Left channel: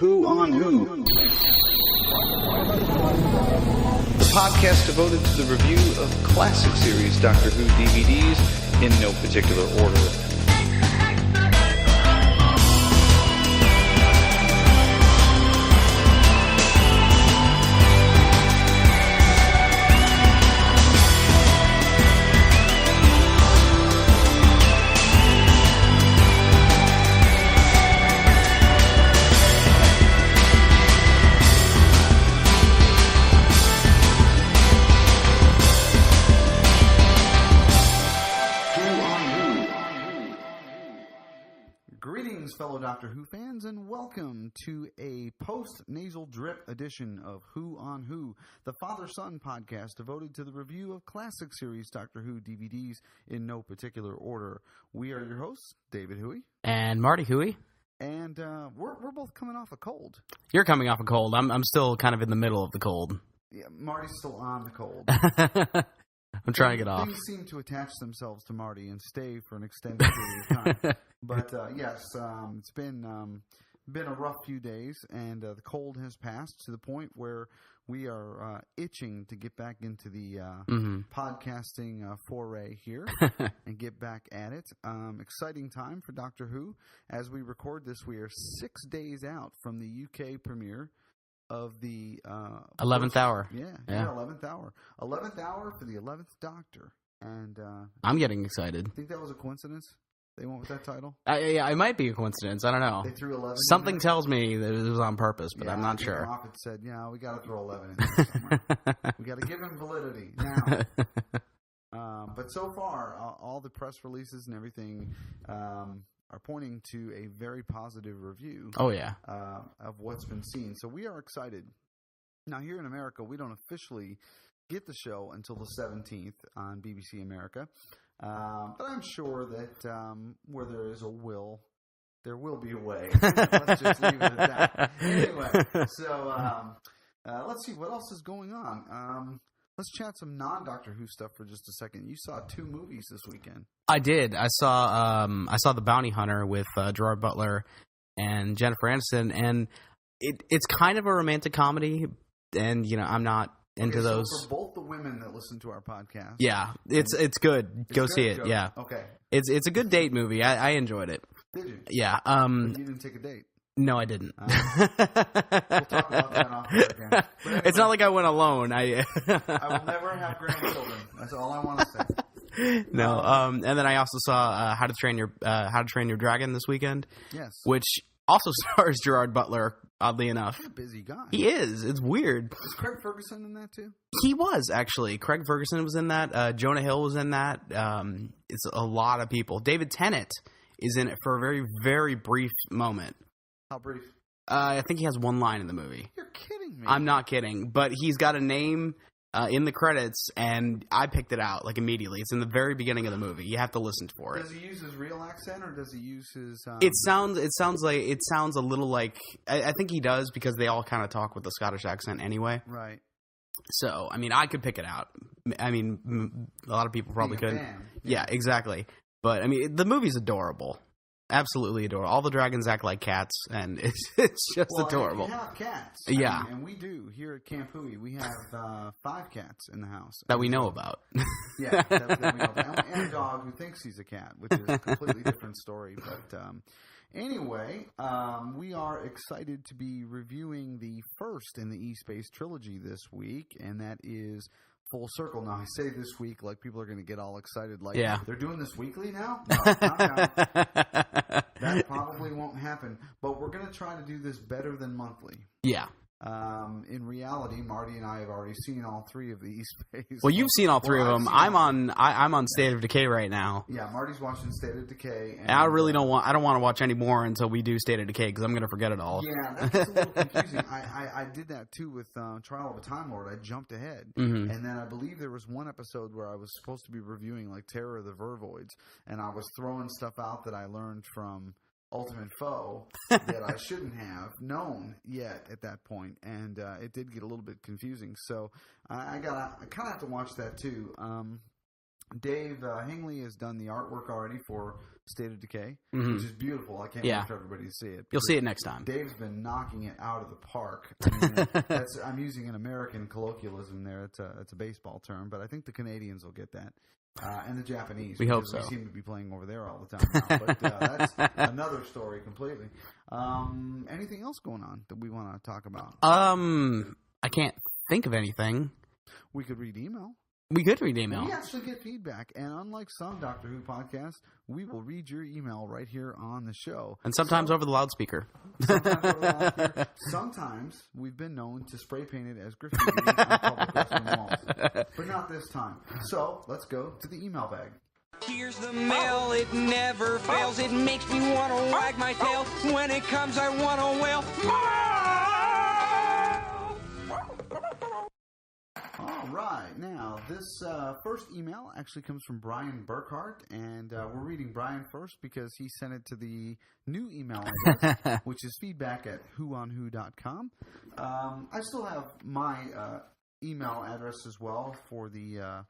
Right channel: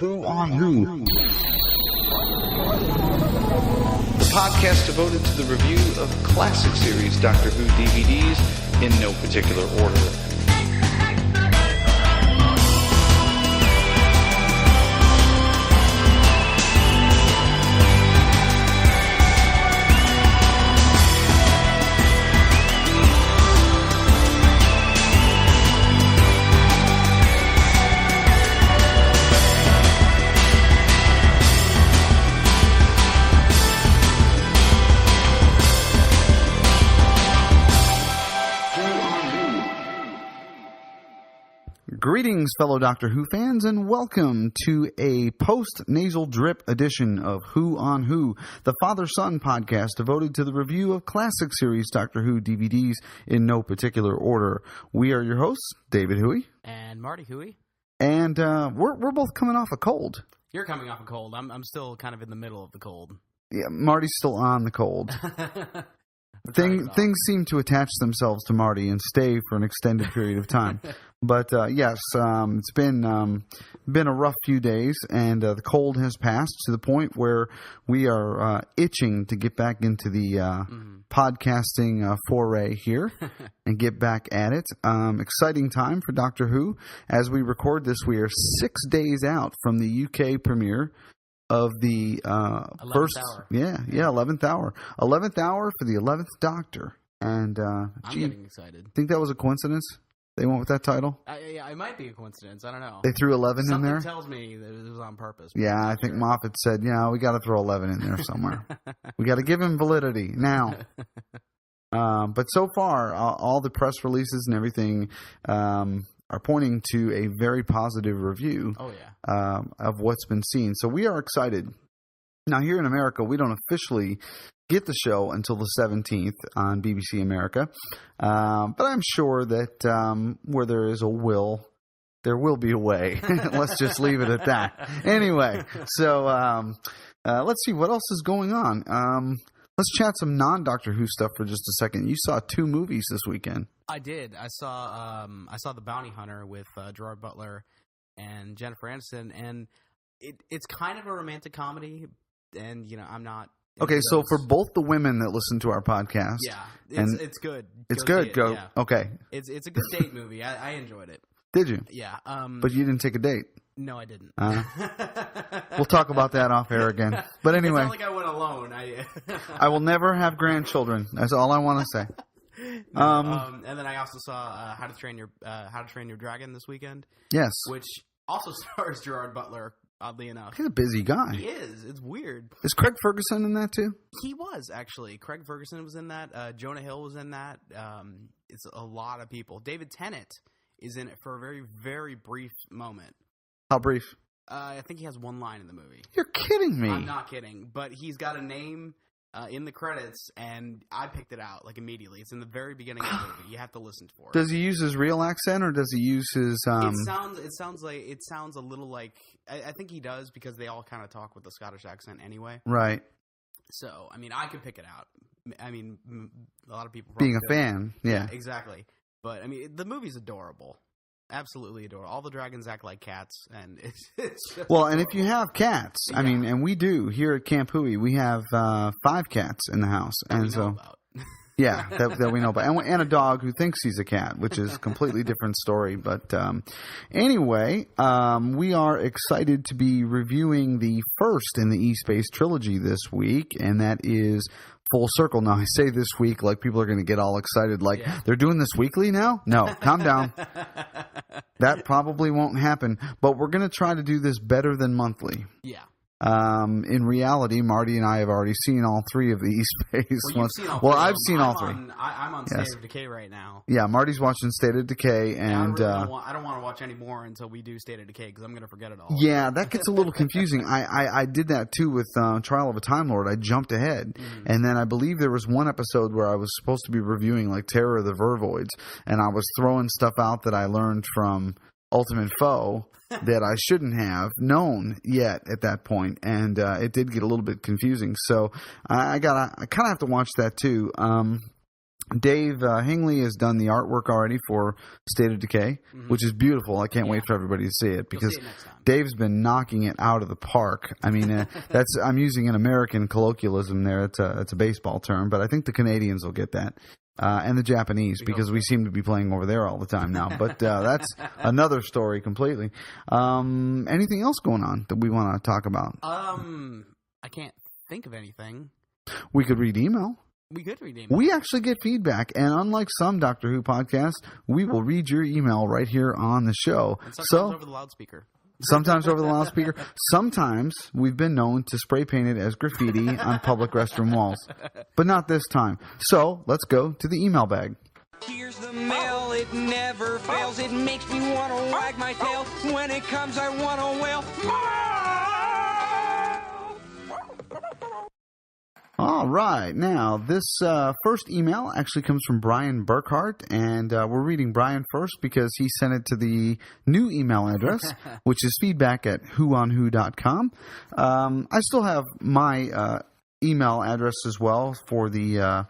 Who on Who? The podcast devoted to the review of classic series Doctor Who DVDs in no particular order. Greetings, fellow Doctor Who fans, and welcome to a post-nasal drip edition of Who on Who, the father-son podcast devoted to the review of classic series Doctor Who DVDs in no particular order. We are your hosts, David Huey. And Marty Huey. And we're both coming off a cold. You're coming off a cold. I'm still kind of in the middle of the cold. Yeah, Marty's still on the cold. I'm trying to get off. Things seem to attach themselves to Marty and stay for an extended period of time. But yes, it's been a rough few days, and the cold has passed to the point where we are itching to get back into the podcasting foray here and get back at it. Exciting time for Doctor Who. As we record this, we are 6 days out from the UK premiere of the 11th hour. Yeah, 11th hour. 11th hour for the 11th Doctor. And I'm getting excited. Think that was a coincidence? They went with that title? Yeah, it might be a coincidence. I don't know. They threw 11 Something in there? tells me that it was on purpose, but I'm not I think sure. Moffat said, we got to throw 11 in there somewhere. We got to give him validity now. But so far, all the press releases and everything are pointing to a very positive review of what's been seen. So we are excited. Now, here in America, we don't officially get the show until the 17th on BBC America. But I'm sure that where there is a will, there will be a way. Let's just leave it at that. Anyway, so let's see what else is going on. Let's chat some non-Doctor Who stuff for just a second. You saw 2 movies this weekend. I did. I saw The Bounty Hunter with Gerard Butler and Jennifer Aniston, and it's kind of a romantic comedy, and I'm not into Okay, so those. for both the women that listen to our podcast, it's good. It's Go good. see it. Yeah, okay. It's a good date movie. I enjoyed it. Did you? Yeah. But you didn't take a date. No, I didn't. We'll talk about that off air again. But anyway, it's not like I went alone. I will never have grandchildren. That's all I want to say. No. And then I also saw How to Train Your Dragon this weekend. Yes, which also stars Gerard Butler. Oddly enough, he's a busy guy. He is. It's weird. Is Craig Ferguson in that too? He was actually. Craig Ferguson was in that. Jonah Hill was in that. It's a lot of people. David Tennant is in it for a very, very brief moment. How brief? I think he has one line in the movie. You're kidding me. I'm not kidding. But he's got a name in the credits, and I picked it out like immediately. It's in the very beginning of the movie. You have to listen for it. Does he use his real accent, or does he use his? It sounds a little like I think he does, because they all kind of talk with the Scottish accent anyway. Right. So I mean, I could pick it out. I mean, a lot of people probably being a fan. Yeah, exactly. But I mean, the movie's adorable. Absolutely adorable. All the dragons act like cats, and it's just adorable. And if you have cats, I mean, and we do here at Camp Hui, we have 5 cats in the house that we know about. Yeah, that we know about, and a dog who thinks he's a cat, which is a completely different story. But anyway, we are excited to be reviewing the first in the E-Space trilogy this week, and that is Full Circle. Now, I say this week like people are going to get all excited, like they're doing this weekly now? No, calm down. That probably won't happen, but we're going to try to do this better than monthly. Yeah. In reality, Marty and I have already seen all 3 of these. Well, you've seen all 3 of them. I'm on State Yes. of Decay right now. Yeah, Marty's watching State of Decay, and I really don't want to watch any more until we do State of Decay, because I'm going to forget it all. Yeah, that gets a little confusing. I did that too with Trial of a Time Lord. I jumped ahead, and then I believe there was one episode where I was supposed to be reviewing like Terror of the Vervoids, and I was throwing stuff out that I learned from Ultimate Foe that I shouldn't have known yet at that point, and it did get a little bit confusing. So I kind of have to watch that too. Dave Hingley has done the artwork already for State of Decay, which is beautiful. I can't wait for everybody to see it. You'll see it next time. Dave's been knocking it out of the park. I mean, I'm using an American colloquialism there. It's a baseball term, but I think the Canadians will get that. And the Japanese, because we seem to be playing over there all the time now. But that's another story completely. Anything else going on that we want to talk about? I can't think of anything. We could read email. We could read email. We actually get feedback, and unlike some Doctor Who podcasts, we will read your email right here on the show. And sometimes over the loudspeaker. Sometimes over the loudspeaker. Sometimes we've been known to spray paint it as graffiti on public restroom walls. But not this time. So let's go to the email bag. Here's the mail, it never fails. It makes me want to wag my tail. When it comes, I want to wail. All right. Now, this first email actually comes from Brian Burkhart, and we're reading Brian first because he sent it to the new email address, which is feedback@whoonwho.com. I still have my email address as well for the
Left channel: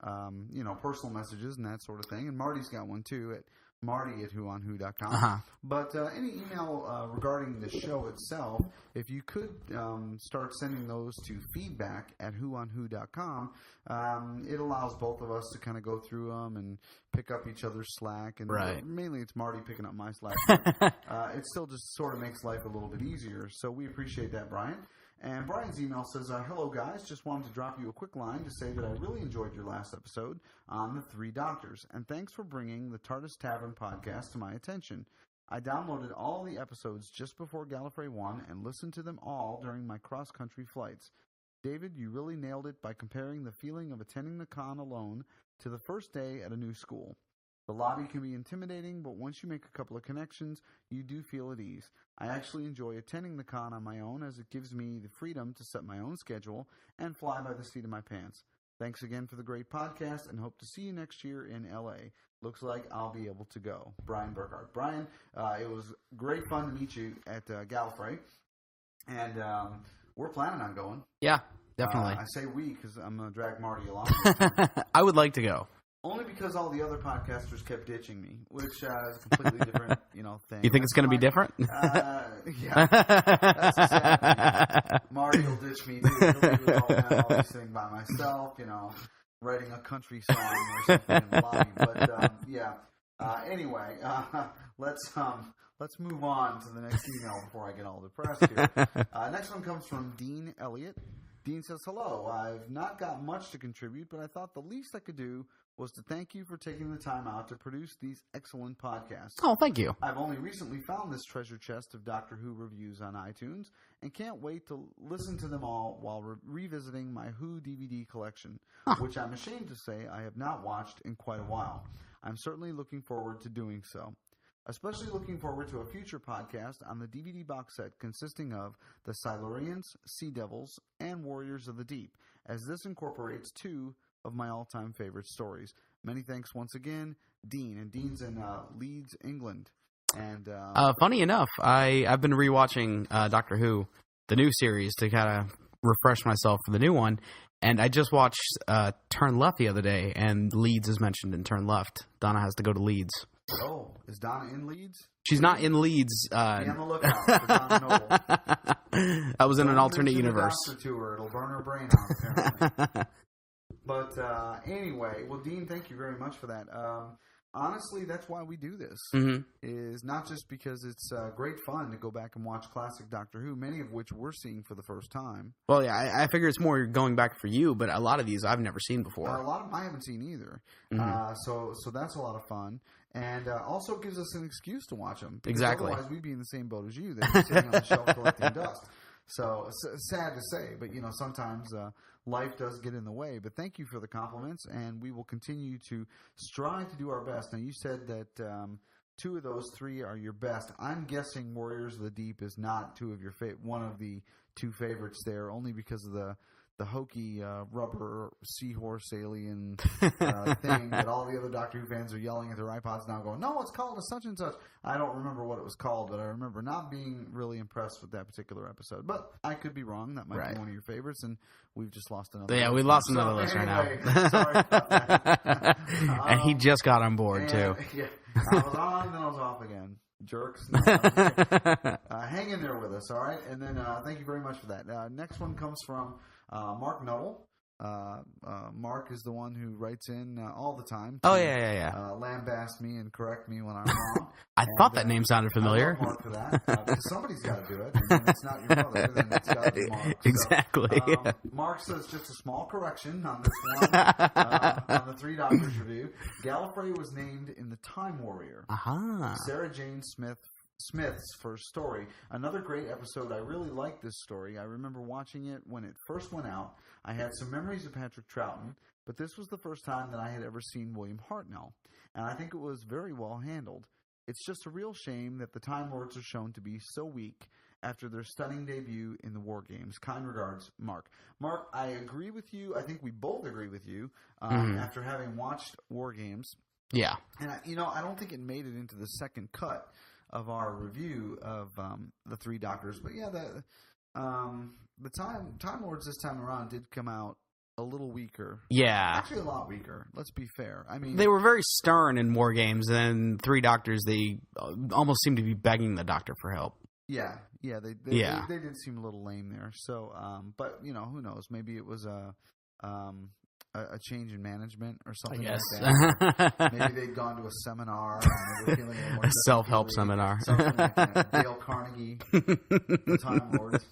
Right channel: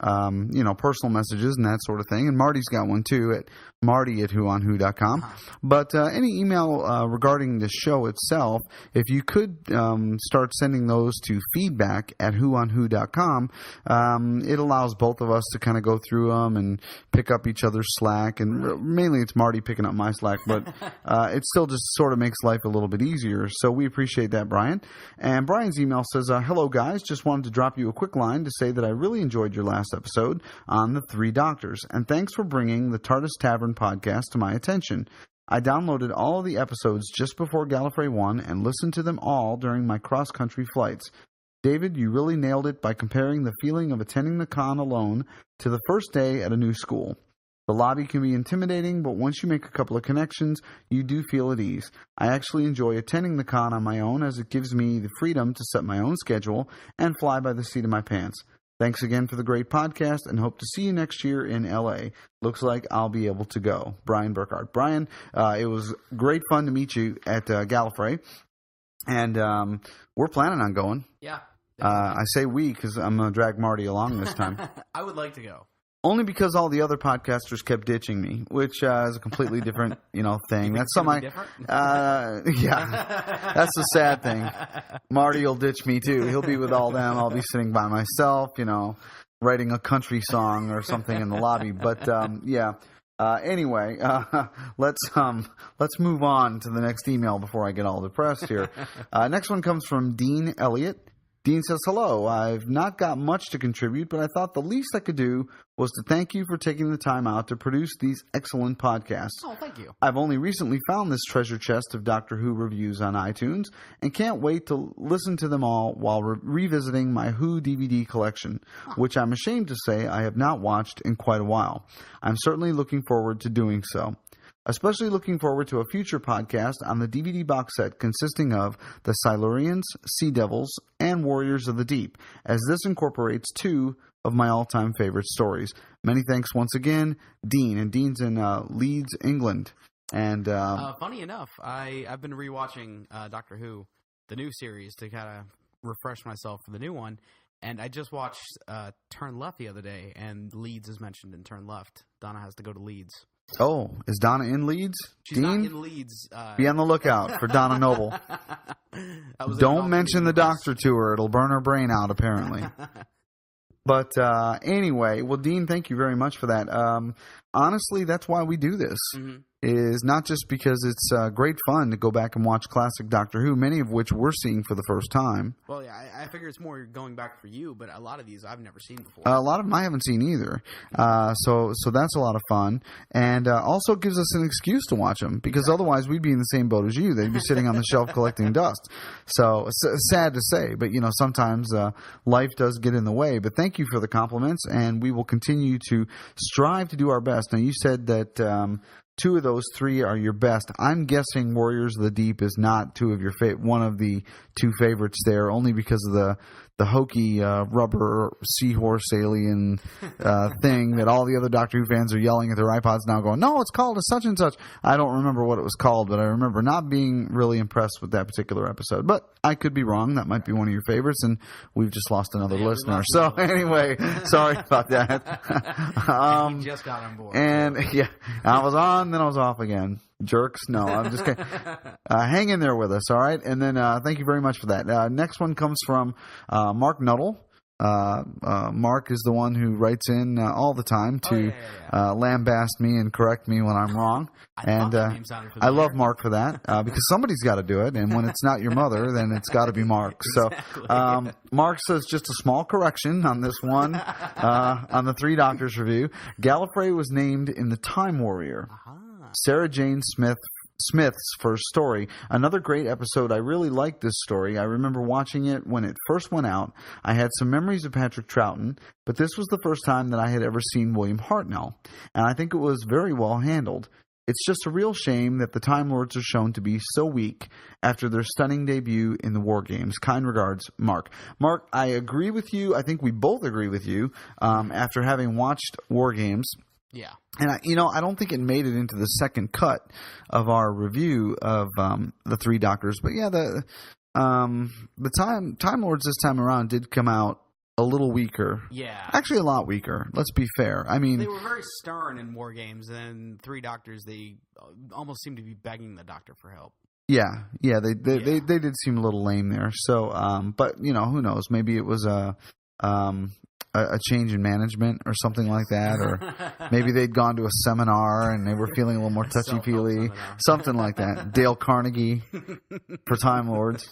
personal messages and that sort of thing, and Marty's got one too at Marty@whoonwho.com. But any email regarding the show itself, if you could start sending those to feedback@whoonwho.com, it allows both of us to kind of go through them and pick up each other's slack. And mainly it's Marty picking up my slack, but it still just sort of makes life a little bit easier. So we appreciate that, Brian. And Brian's email says, hello, guys. Just wanted to drop you a quick line to say that I really enjoyed your last episode on the Three Doctors. And thanks for bringing the TARDIS Tavern podcast to my attention. I downloaded all of the episodes just before Gallifrey 1 and listened to them all during my cross-country flights. David, you really nailed it by comparing the feeling of attending the con alone to the first day at a new school. The lobby can be intimidating, but once you make a couple of connections, you do feel at ease. I actually enjoy attending the con on my own as it gives me the freedom to set my own schedule and fly by the seat of my pants. Thanks again for the great podcast, and hope to see you next year in L.A. Looks like I'll be able to go. Brian Burkhart. Brian, it was great fun to meet you at Gallifrey, and we're planning on going. Yeah, definitely. I say we because I'm going to drag Marty along this time. I would like to go. Only because all the other podcasters kept ditching me, which is a completely different, thing. You think it's going to be different? Yeah, that's the sad thing. Marty will ditch me too. He'll be with all them. I'll be sitting by myself, writing a country song or something in the lobby. But anyway, let's move on to the next email before I get all depressed here. Next one comes from Dean Elliott. Dean says, hello, I've not got much to contribute, but I thought the least I could do was to thank you for taking the time out to produce these excellent podcasts. Oh, thank you. I've only recently found this treasure chest of Doctor Who reviews on iTunes and can't wait to listen to them all while revisiting my Who DVD collection, which I'm ashamed to say I have not watched in quite a while. I'm certainly looking forward to doing so. Especially looking forward to a future podcast on the DVD box set consisting of The Silurians, Sea Devils, and Warriors of the Deep, as this incorporates two of my all-time favorite stories. Many thanks once again, Dean. And Dean's in Leeds, England. And funny enough, I've been rewatching Doctor Who, the new series, to kind of refresh myself for the new one. And I just watched Turn Left the other day, and Leeds is mentioned in Turn Left. Donna has to go to Leeds. Oh, is Donna in Leeds? She's not in Leeds. Be on the lookout for Donna Noble. Don't mention the Doctor to her. It'll burn her brain out, apparently. But anyway, well, Dean, thank you very much for that. Honestly, that's why we do this, is not just because it's great fun to go back and watch classic Doctor Who, many of which we're seeing for the first time. Well, yeah, I figure it's more going back for you, but a lot of these I've never seen before. A lot of them I haven't seen either. So that's a lot of fun. And also gives us an excuse to watch them, because otherwise we'd be in the same boat as you. They'd be sitting on the shelf collecting dust. So sad to say, but sometimes life does get in the way. But thank you for the compliments, and we will continue to strive to do our best. Now, you said that two of those three are your best. I'm guessing Warriors of the Deep is not one of the two favorites there, only because of the hokey rubber seahorse alien thing that all the other Doctor Who fans are yelling at their iPods now going, no, it's called a such and such. I don't remember what it was called, but I remember not being really impressed with that particular episode. But I could be wrong. That might be one of your favorites, and we've just lost another listener. We lost another listener anyway, sorry about that. And he just got on board, too. Yeah, I was on, then I was off again. Jerks. No, I'm just kidding. Hang in there with us, all right? And then thank you very much for that. Next one comes from Mark Nuttall. Mark is the one who writes in all the time to lambast me and correct me when I'm wrong. I thought that name sounded familiar. I love Mark for that because somebody's got to do it, and when it's not your mother, then it's got to be Mark. Exactly. So Mark says just a small correction on this one on the Three Doctors review. Gallifrey was named in the Time Warrior. Sarah Jane Smith's first story. Another great episode. I really liked this story. I remember watching it when it first went out. I had some memories of Patrick Troughton, but this was the first time that I had ever seen William Hartnell, and I think it was very well handled. It's just a real shame that the Time Lords are shown to be so weak after their stunning debut in the War Games. Kind regards, Mark. Mark, I agree with you. I think we both agree with you after having watched War Games. Yeah. And, I don't think it made it into the second cut of our review of the Three Doctors. But, yeah, the Time Lords this time around did come out a little weaker. Yeah. Actually, a lot weaker. Let's be fair. I mean, they were very stern in War Games, and Three Doctors, they almost seemed to be begging the Doctor for help. Yeah. They did seem a little lame there. So, but who knows? Maybe it was a change in management or something like that, or maybe they'd gone to a seminar and they were feeling a little more touchy-feely. Seminar. Something like that. Dale Carnegie for Time Lords.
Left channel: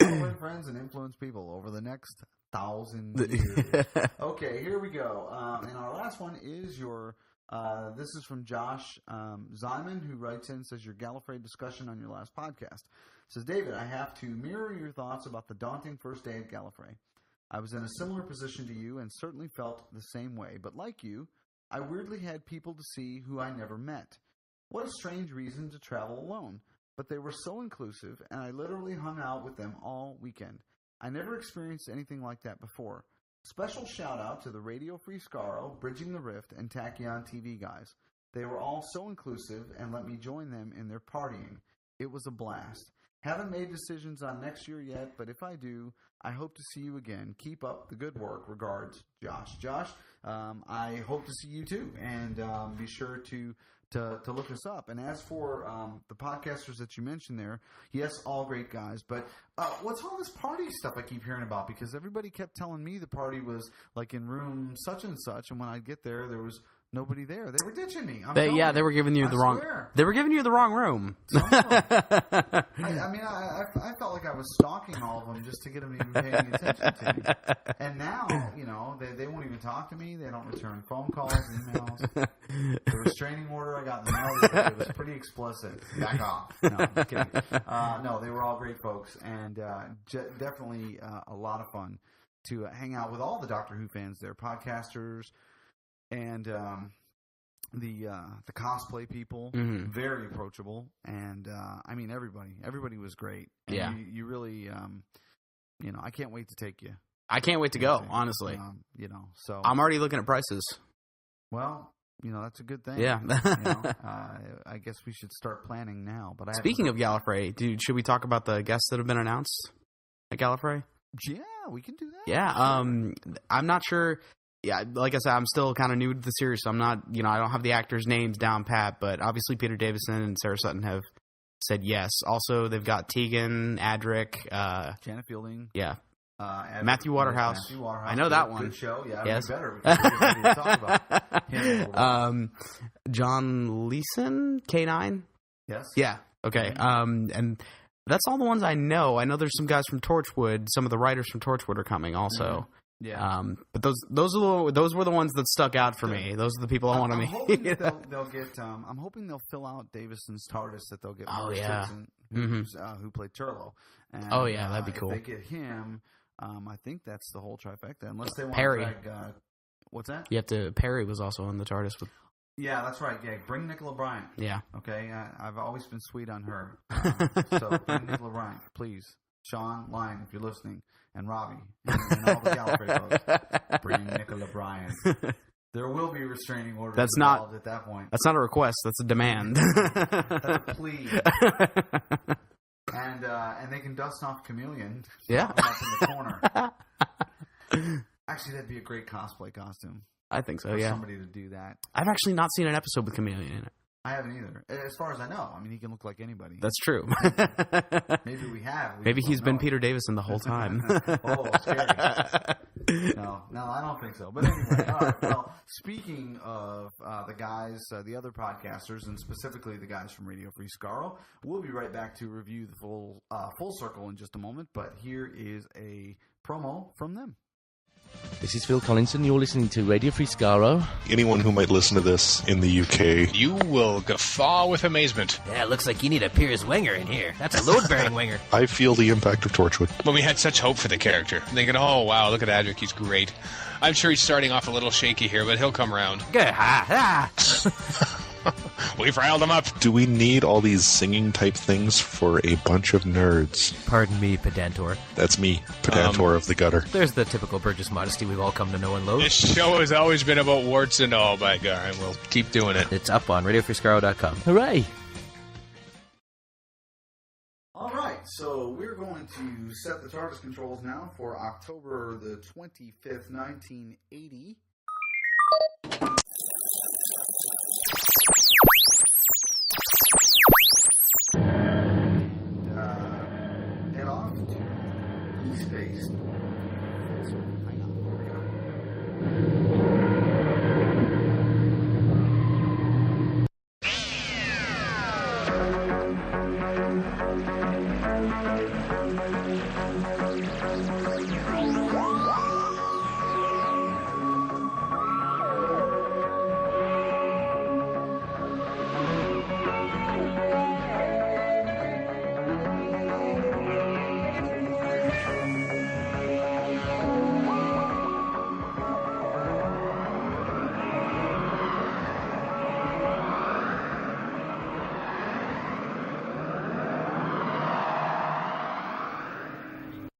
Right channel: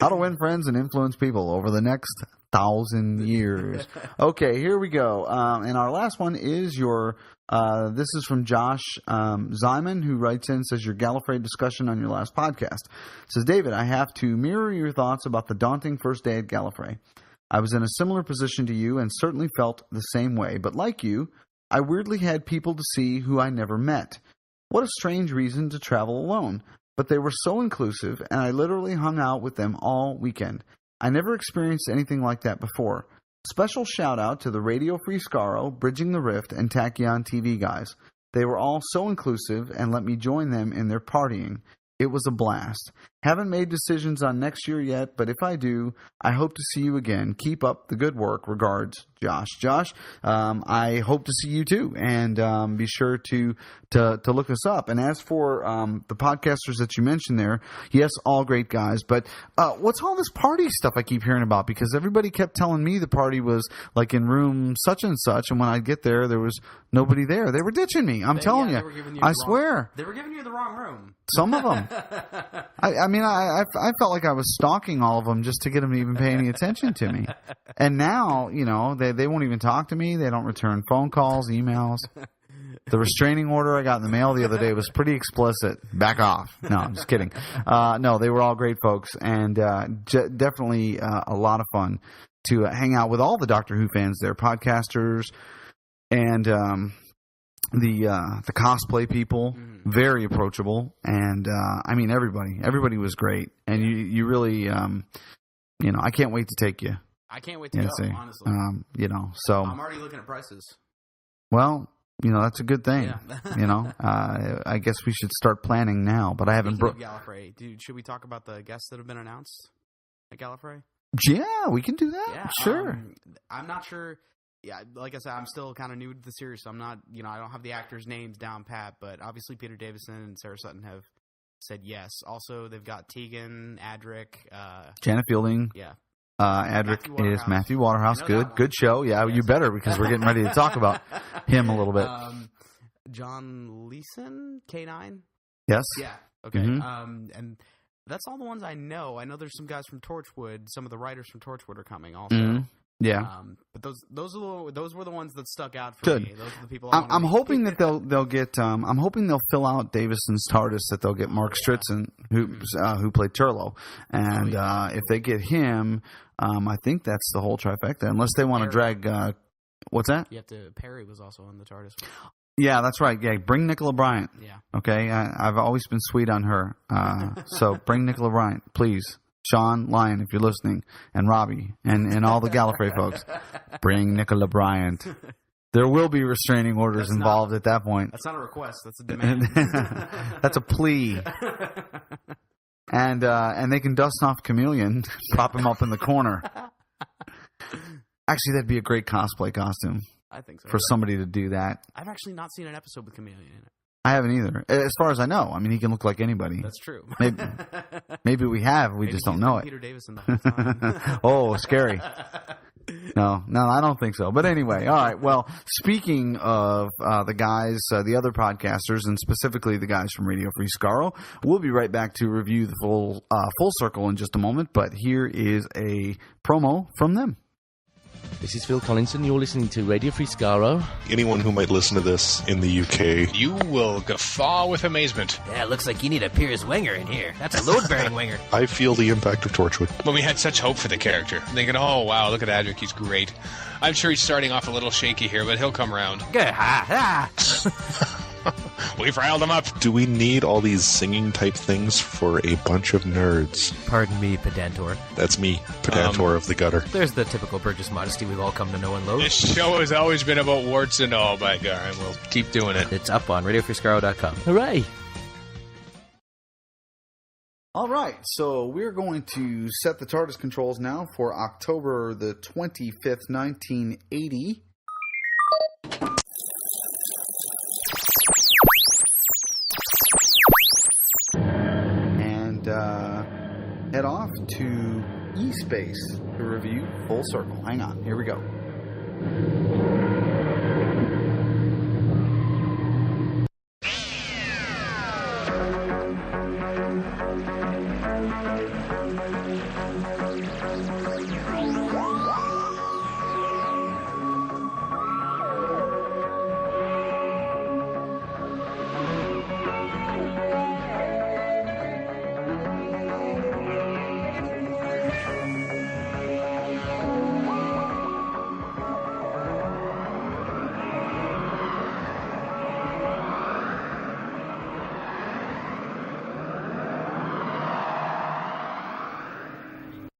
How to win friends and influence people over the next 1,000 years. Okay, here we go. And our last one is this is from Josh Zyman, who writes in and says, your Gallifrey discussion on your last podcast. It says, David, I have to mirror your thoughts about the daunting first day at Gallifrey. I was in a similar position to you and certainly felt the same way, but like you, I weirdly had people to see who I never met. What a strange reason to travel alone. But they were so inclusive, and I literally hung out with them all weekend. I never experienced anything like that before. Special shout out to the Radio Free Skaro, Bridging the Rift, and Tachyon TV guys. They were all so inclusive and let me join them in their partying. It was a blast. Haven't made decisions on next year yet, but if I do, I hope to see you again. Keep up the good work. Regards, Josh. Josh, I hope to see you too, and be sure to look us up. And as for the podcasters that you mentioned there, yes, all great guys. But what's all this party stuff I keep hearing about? Because everybody kept telling me the party was like in room such and such, and when I'd get there, there was nobody there. They were ditching me. I'm telling you. They were giving you. I swear, they were giving you the wrong room. Some of them. I felt like I was stalking all of them just to get them to even pay any attention to me. And now, they won't even talk to me. They don't return phone calls, emails. The restraining order I got in the mail the other day was pretty explicit. Back off. No, I'm just kidding. No, they were all great folks, and definitely a lot of fun to hang out with all the Doctor Who fans there, podcasters, and the cosplay people, very approachable, and everybody was great, and you really, I can't wait to take you. I can't wait to go, honestly. So I'm already looking at prices. Well, that's a good thing. Yeah. I guess we should start planning now. But Speaking of Gallifrey, should we talk about the guests that have been announced at Gallifrey? Yeah, we can do that. Yeah, sure. I'm not sure. Yeah, like I said, I'm still kind of new to the series, so I'm not, I don't have the actors' names down pat, but obviously Peter Davison and Sarah Sutton have said yes. Also, they've got Tegan, Adric, Janet Fielding. Yeah. Adric Matthew Waterhouse. Matthew Waterhouse. I know that one. Good show. Yeah, yes. You better, because we're getting ready to talk about him a little bit. John Leeson, K9. Yes. Yeah. Okay. Mm-hmm. And that's all the ones I know. I know there's some guys from Torchwood. Some of the writers from Torchwood are coming also. Mm-hmm. Yeah, but those were the ones that stuck out for me. Those are the people I want to meet. I'm hoping that they'll get. I'm hoping they'll fill out Davison's TARDIS. That they'll get Mark Stritzen, who played Turlough, and if they get him, I think that's the whole trifecta. Unless they want to drag. What's that? Perry was also on the TARDIS. Yeah, that's right. Yeah, bring Nicola Bryant. Yeah. Okay, I've always been sweet on her. So bring Nicola Bryant, please. Sean, Lyon, if you're listening, and Robbie, and all the Gallifrey folks, bring Nicola Bryant. There will be restraining orders involved at that point. That's not a request. That's a demand. That's a plea. And they can dust off Chameleon, prop him up in the corner. Actually, that'd be a great cosplay costume. I think so. For somebody to do that. I've actually not seen an episode with Chameleon in it. I haven't either. As far as I know. I mean, he can look like anybody. That's true. Maybe we have. Maybe he's been Peter Davison the whole time. Oh, scary. No, I don't think so. But anyway, all right. Well, speaking of the guys, the other podcasters, and specifically the guys from Radio Free Skaro, we'll be right back to review the full circle in just a moment. But here is a promo from them. This is Phil Collinson. You're listening to Radio Free Skaro. Anyone who might listen to this in the UK, you will guffaw with amazement. Yeah, it looks like you need a Piers Winger in here. That's a load-bearing winger. I feel the impact of Torchwood. But we had such hope for the character. Thinking, oh, wow, look at Adric, he's great. I'm sure he's starting off a little shaky here, but he'll come around. Good. Ha. We've riled him up. Do we need all these singing type things for a bunch of nerds? Pardon me, Pedantor. That's me, Pedantor of the gutter. There's the typical Burgess modesty we've all come to know and loathe. This show has always been about warts and all, by God, and we'll keep doing it. It's up on RadioFreeScaro.com. Hooray! All right, so we're going to set the TARDIS controls now for October the 25th, 1980. Head off to E-Space to review Full Circle. Hang on, here we go.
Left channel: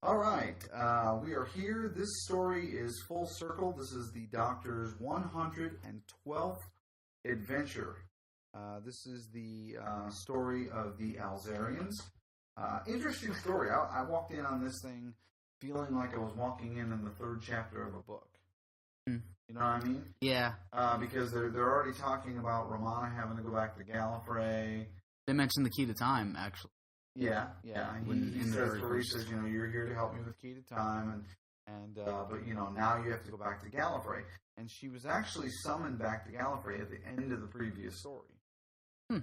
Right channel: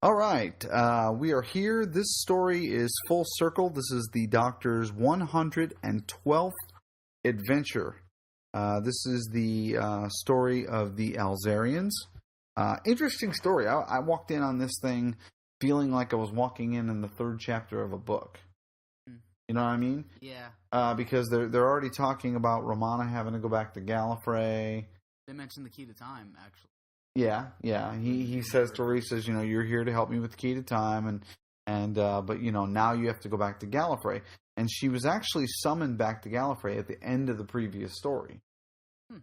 All right, we are here. This story is Full Circle. This is the Doctor's 112th adventure. This is the story of the Alzarians. Interesting story. I walked in on this thing feeling like I was walking in the third chapter of a book. You know what I mean? Yeah. Because they're already talking about Romana having to go back to Gallifrey. They mentioned the key to time, actually. Yeah. He says to her, he says, you're here to help me with the key to time, but now you have to go back to Gallifrey. And she was actually summoned back to Gallifrey at the end of the previous story. And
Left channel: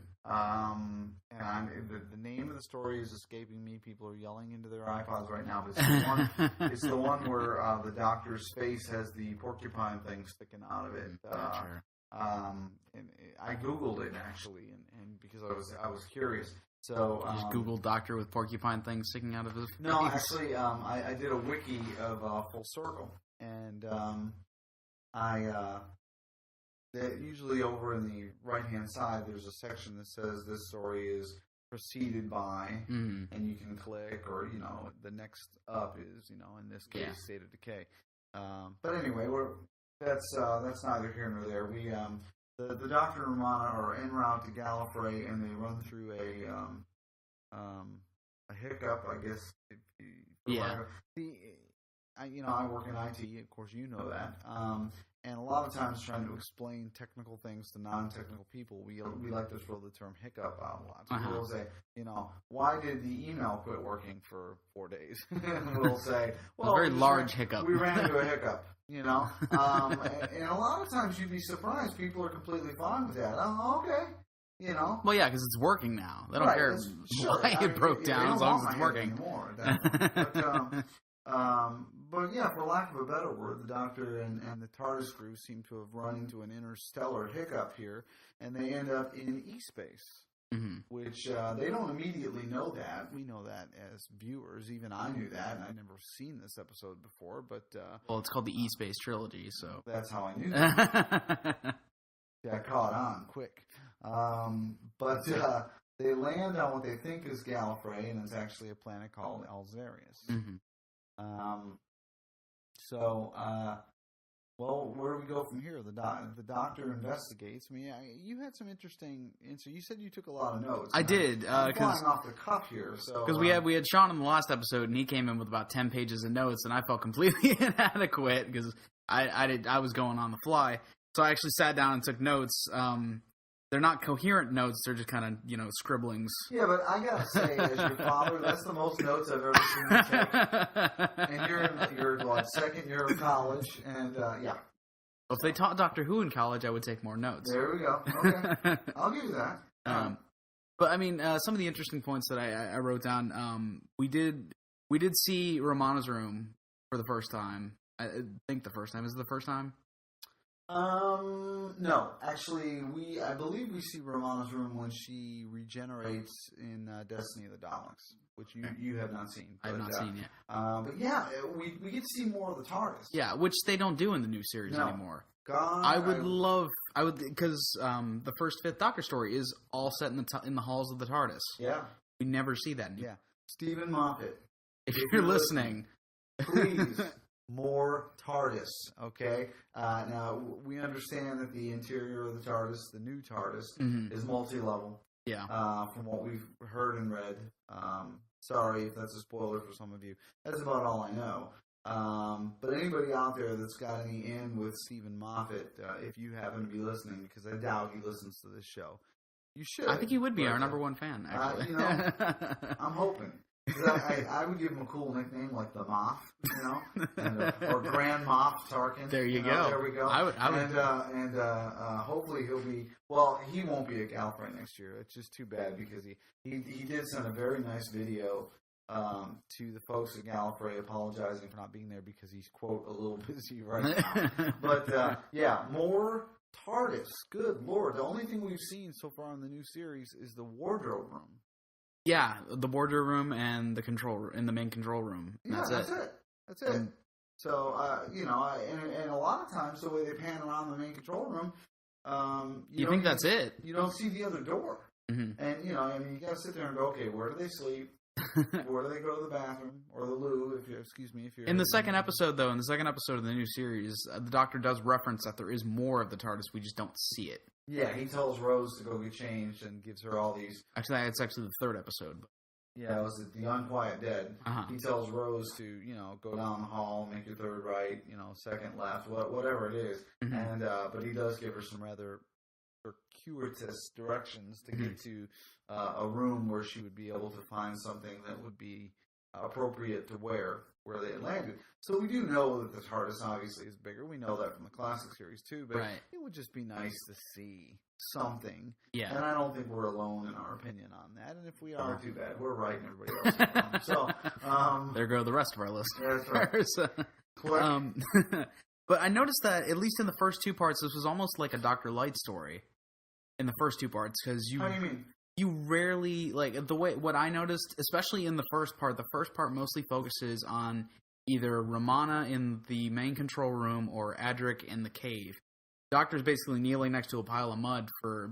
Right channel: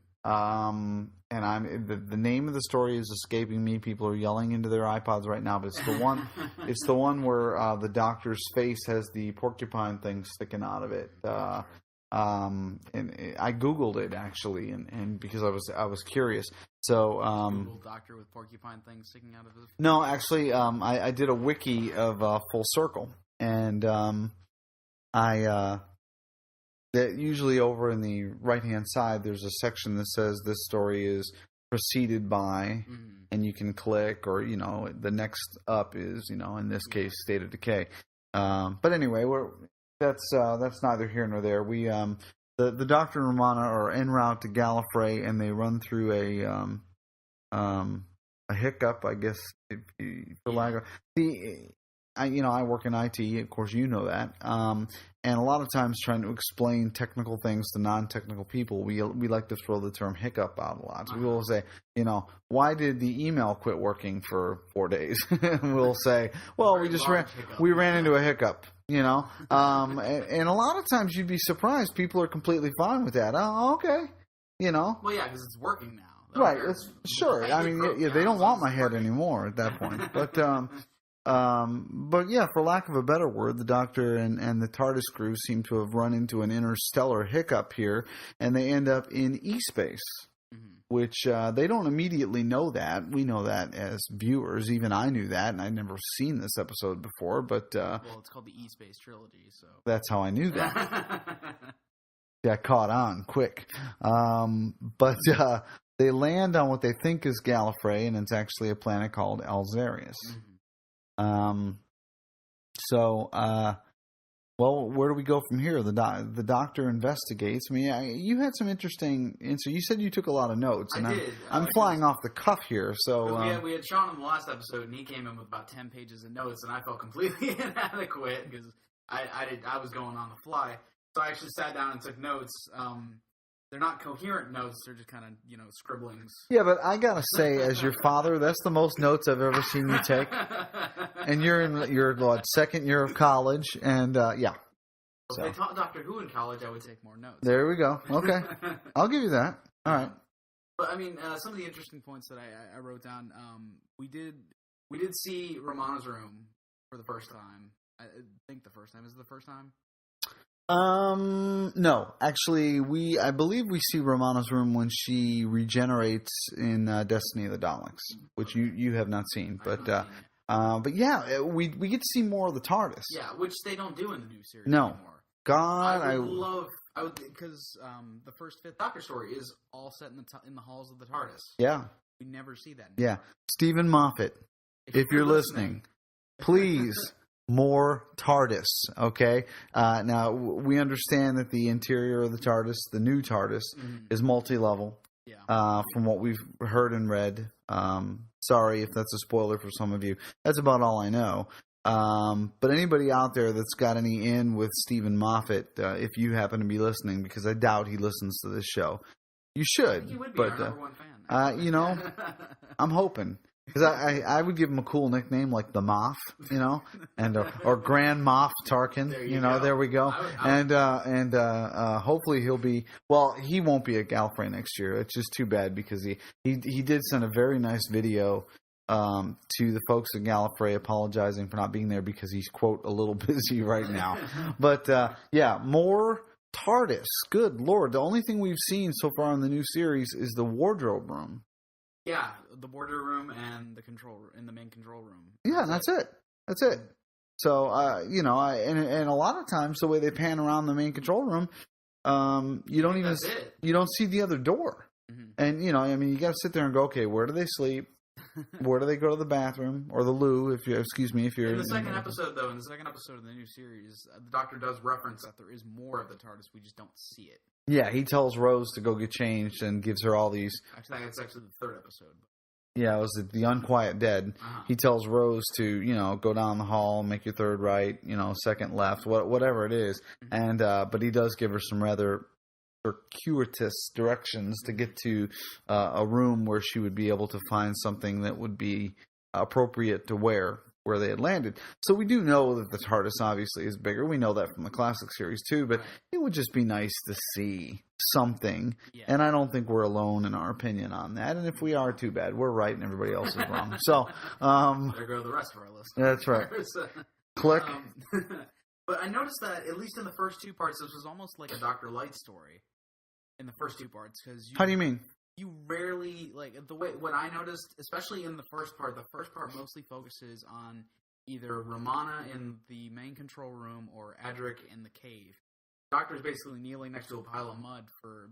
the name of the story is escaping me. People are yelling into their iPods right now, but it's the one. It's the one where the Doctor's face has the porcupine thing sticking out of it. And I Googled it actually, and because I was curious. So Google Doctor with porcupine things sticking out of his face? No, actually, I did a wiki of Full Circle, and that usually over in the right hand side there's a section that says this story is preceded by, and you can click, or the next up is in this case State of Decay. But anyway, that's neither here nor there. We the Doctor and Romana are en route to Gallifrey, and they run through a hiccup, I guess. I work in IT, of course you know that. And a lot of times trying to explain technical things to non-technical people, we like to throw the term hiccup out a lot. So we'll say, why did the email quit working for 4 days? We'll say, well, we ran into a hiccup. And a lot of times you'd be surprised people are completely fine with that. Oh, okay. Well, yeah, because it's working now. They right. Sure. I mean, they don't want my head anymore at that point. But yeah, for lack of a better word, the Doctor and the TARDIS crew seem to have run into an interstellar hiccup here, and they end up in E-Space. Which they don't immediately know that. We know that as viewers. Even I knew that, and I'd never seen this episode before. But well, it's called the E-Space Trilogy, so that's how I knew that. got caught on quick. But they land on what they think is Gallifrey, and it's actually a planet called Alzarius. Mm-hmm. Well, where do we go from here? The doctor investigates. I mean, you had some interesting. So you said you took a lot of notes. I did. I'm flying off the cuff here. So because we had Sean in the last episode, and he came in with about 10 pages of notes, and I felt completely inadequate because I was going on the fly. So I actually sat down and took notes. They're not coherent notes; they're just kind of scribblings. Yeah, but I gotta say, as your father, that's the most notes I've ever seen you take. And you're in your second year of college, and yeah. Well, if they taught Doctor Who in college, I would take more notes. There we go. Okay, I'll give you that. All right. But I mean, some of the interesting points that I wrote down. We did see Romana's room for the first time. I think the first time. Is it the first time? No, actually, I believe we see Romana's room when she regenerates in Destiny of the Daleks, which you have not seen, but but yeah, we get to see more of the TARDIS. Yeah, which they don't do in the new series No. anymore. God, I would because the first Fifth Doctor story is all set in the halls of the TARDIS. Yeah, we never see that. Yeah, Stephen Moffat, if you're listening, please. More TARDIS, okay? Now, we understand that the interior of the TARDIS, the new TARDIS, is multi-level. Yeah. From what we've heard and read. Sorry if that's a spoiler for some of you. That's about all I know. But anybody out there that's got any in with Stephen Moffat, if you happen to be listening, because I doubt he listens to this show, you should. I think he would be our number one fan. I'm hoping. Because I would give him a cool nickname like the Moff, and or Grand Moff Tarkin. There you go. There we go. And hopefully he'll be. Well, he won't be at Gallifrey next year. It's just too bad because he did send a very nice video to the folks at Gallifrey apologizing for not being there because he's quote a little busy right now. But yeah, more TARDIS. Good Lord, the only thing we've seen so far in the new series is the wardrobe room. Yeah, the wardrobe room and the main control room. Yeah, that's it. That's it. So, and a lot of times the way they pan around the main control room, you don't even, that's it. You don't see the other door. Mm-hmm. And, you got to sit there and go, okay, where do they sleep? Where do they go to the bathroom or the loo? If you're in the second episode of the new series, the Doctor does reference that there is more of the TARDIS. We just don't see it. Yeah, he tells Rose to go get changed and gives her all these. Actually, it's actually the third episode. Yeah, it was the Unquiet Dead. Uh-huh. He tells Rose to go down the hall, make your third right, second left, whatever it is. Mm-hmm. And but he does give her some rather circuitous directions to get to a room where she would be able to find something that would be appropriate to wear where they had landed. So we do know that the TARDIS obviously is bigger. We know that from the classic series too, but It would just be nice to see something. Yeah. And I don't think we're alone in our opinion on that. And if we are, too bad. We're right and everybody else is wrong. So there go the rest of our listeners. That's right. Click. But I noticed that at least in the first two parts, this was almost like a Dr. Light story. In the first two parts, because How do you mean? You rarely, what I noticed, especially in the first part mostly focuses on either Romana in the main control room or Adric in the cave. The Doctor's basically kneeling next to a pile of mud for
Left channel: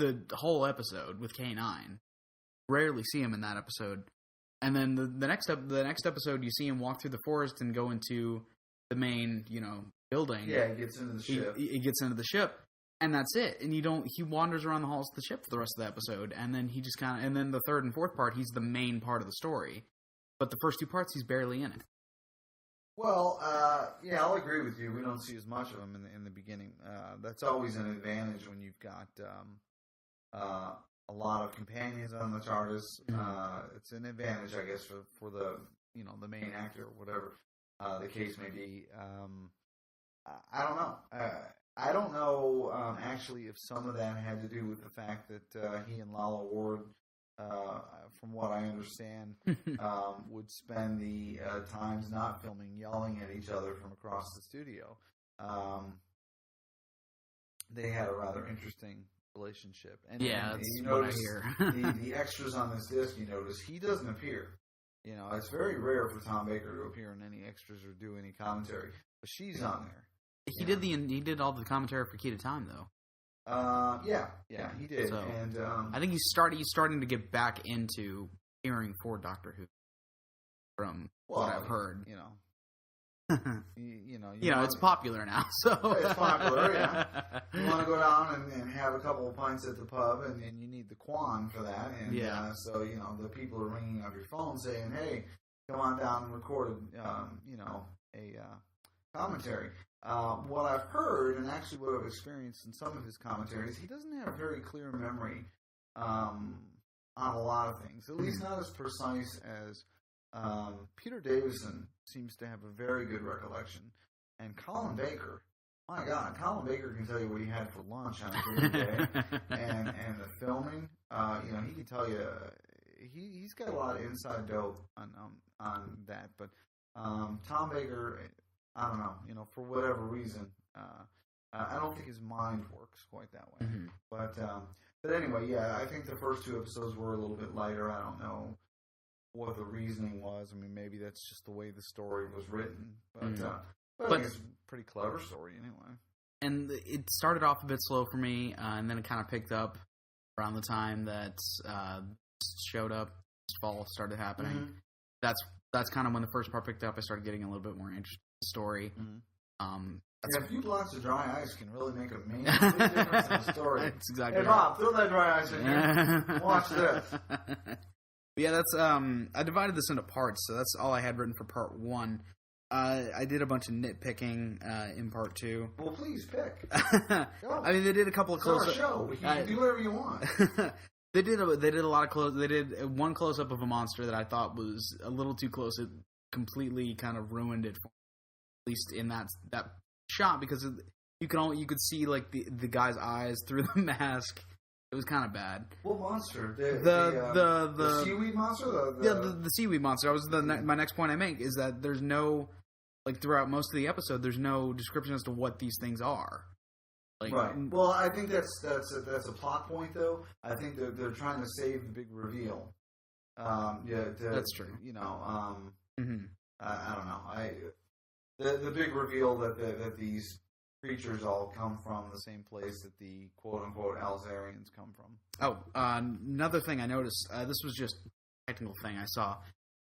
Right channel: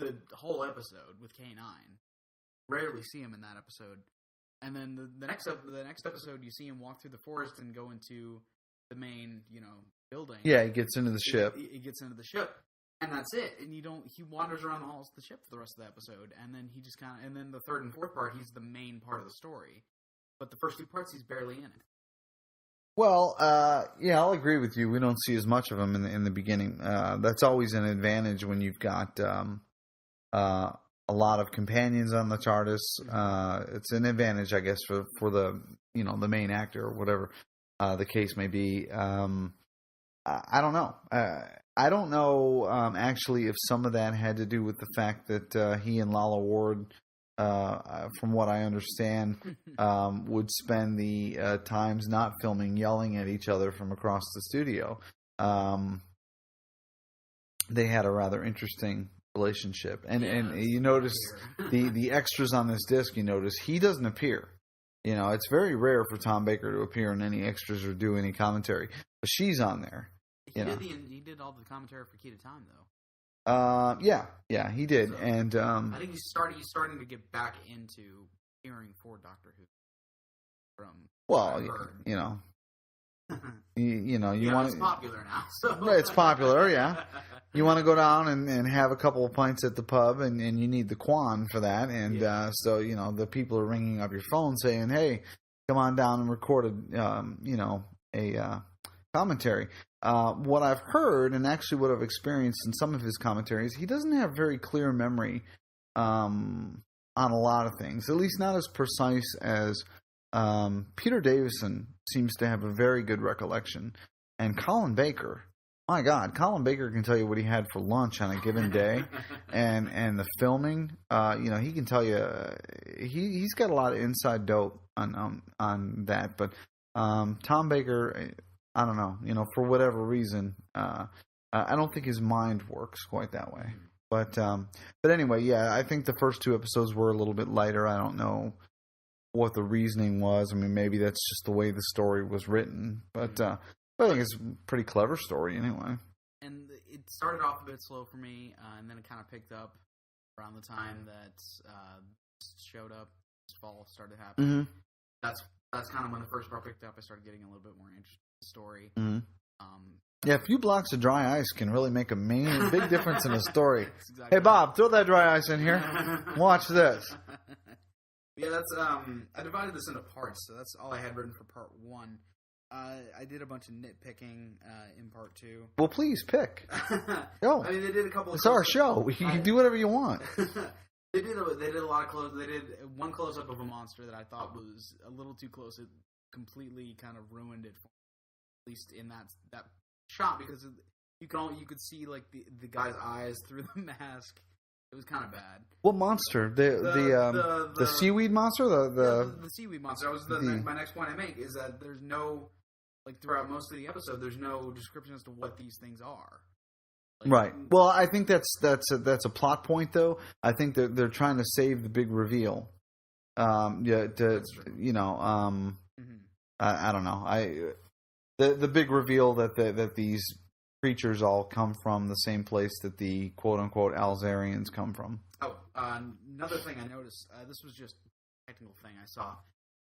the whole episode with K9. Rarely see him in that episode. And then the next episode, you see him walk through the forest and go into the main, building. Yeah, he gets into the ship. He gets into the ship. And that's it. And he wanders around the halls of the ship for the rest of the episode. And then he just and then the third and fourth part, he's the main part of the story. But the first two parts, he's barely in it. Well, yeah, I'll agree with you. We don't see as much of him in the beginning. That's always an advantage when you've got a lot of companions on the TARDIS. It's an advantage, I guess, for the the main actor or whatever the case may be. I don't know. I don't know, actually, if some of that had to do with the fact that he and Lalla Ward, from what I understand, would spend the times not filming yelling at each other from across the studio. They had a rather interesting relationship. And you notice the extras on this disc, you notice he doesn't appear. It's very rare for Tom Baker to appear in any extras or do any commentary. But she's on there. He did all the commentary for Key to Time, though. Yeah, he did. So, And I think he's starting to get back into hearing for Doctor Who from what I've heard. you know, you want, it's popular now. So well, it's popular. Yeah, you want to go down and have a couple of pints at the pub, and you need the Quan for that. And so the people are ringing up your phone saying, "Hey, come on down and record a commentary." What I've heard, and actually what I've experienced in some of his commentaries, he doesn't have very clear memory on a lot of things. At least not as precise as Peter Davison seems to have a very good recollection. And Colin Baker, my God, Colin Baker can tell you what he had for lunch on a given day, and the filming. He can tell you. He's got a lot of inside dope on that. But Tom Baker, I don't know. For whatever reason, I don't think his mind works quite that way. Mm-hmm. But anyway, yeah, I think the first 2 episodes were a little bit lighter. I don't know what the reasoning was. I mean, maybe that's just the way the story was written. But I think it's a pretty clever story anyway. And it started off a bit slow for me, and then it kind of picked up around the time that showed up. This fall started happening. Mm-hmm. That's kind of when the first part picked up. I started getting a little bit more interested in the story. Mm-hmm. A few blocks of dry ice can really make a big difference in a story. Exactly hey, Bob, throw that dry ice in here. Watch this. Yeah, that's I divided this into parts, so that's all I had written for part 1. I did a bunch of nitpicking in part 2. Well, please pick. Go. I mean, they did a couple of. It's our show. You can do whatever you want. They did a lot of close. They did one close up of a monster that I thought was a little too close. It completely kind of ruined it, for me, at least in that shot, because you could see like the guy's eyes through the mask. It was kind of bad. What monster? The seaweed monster? The seaweed monster. My next point I make is that there's no, like, throughout most of the episode, there's no description as to what these things are. Like, right. Well, I think that's a plot point, though. I think that they're trying to save the big reveal. That's true. Mm-hmm. I don't know. The big reveal that these creatures all come from the same place that the quote-unquote Alzarians come from. Oh, another thing I noticed, this was just a technical thing I saw,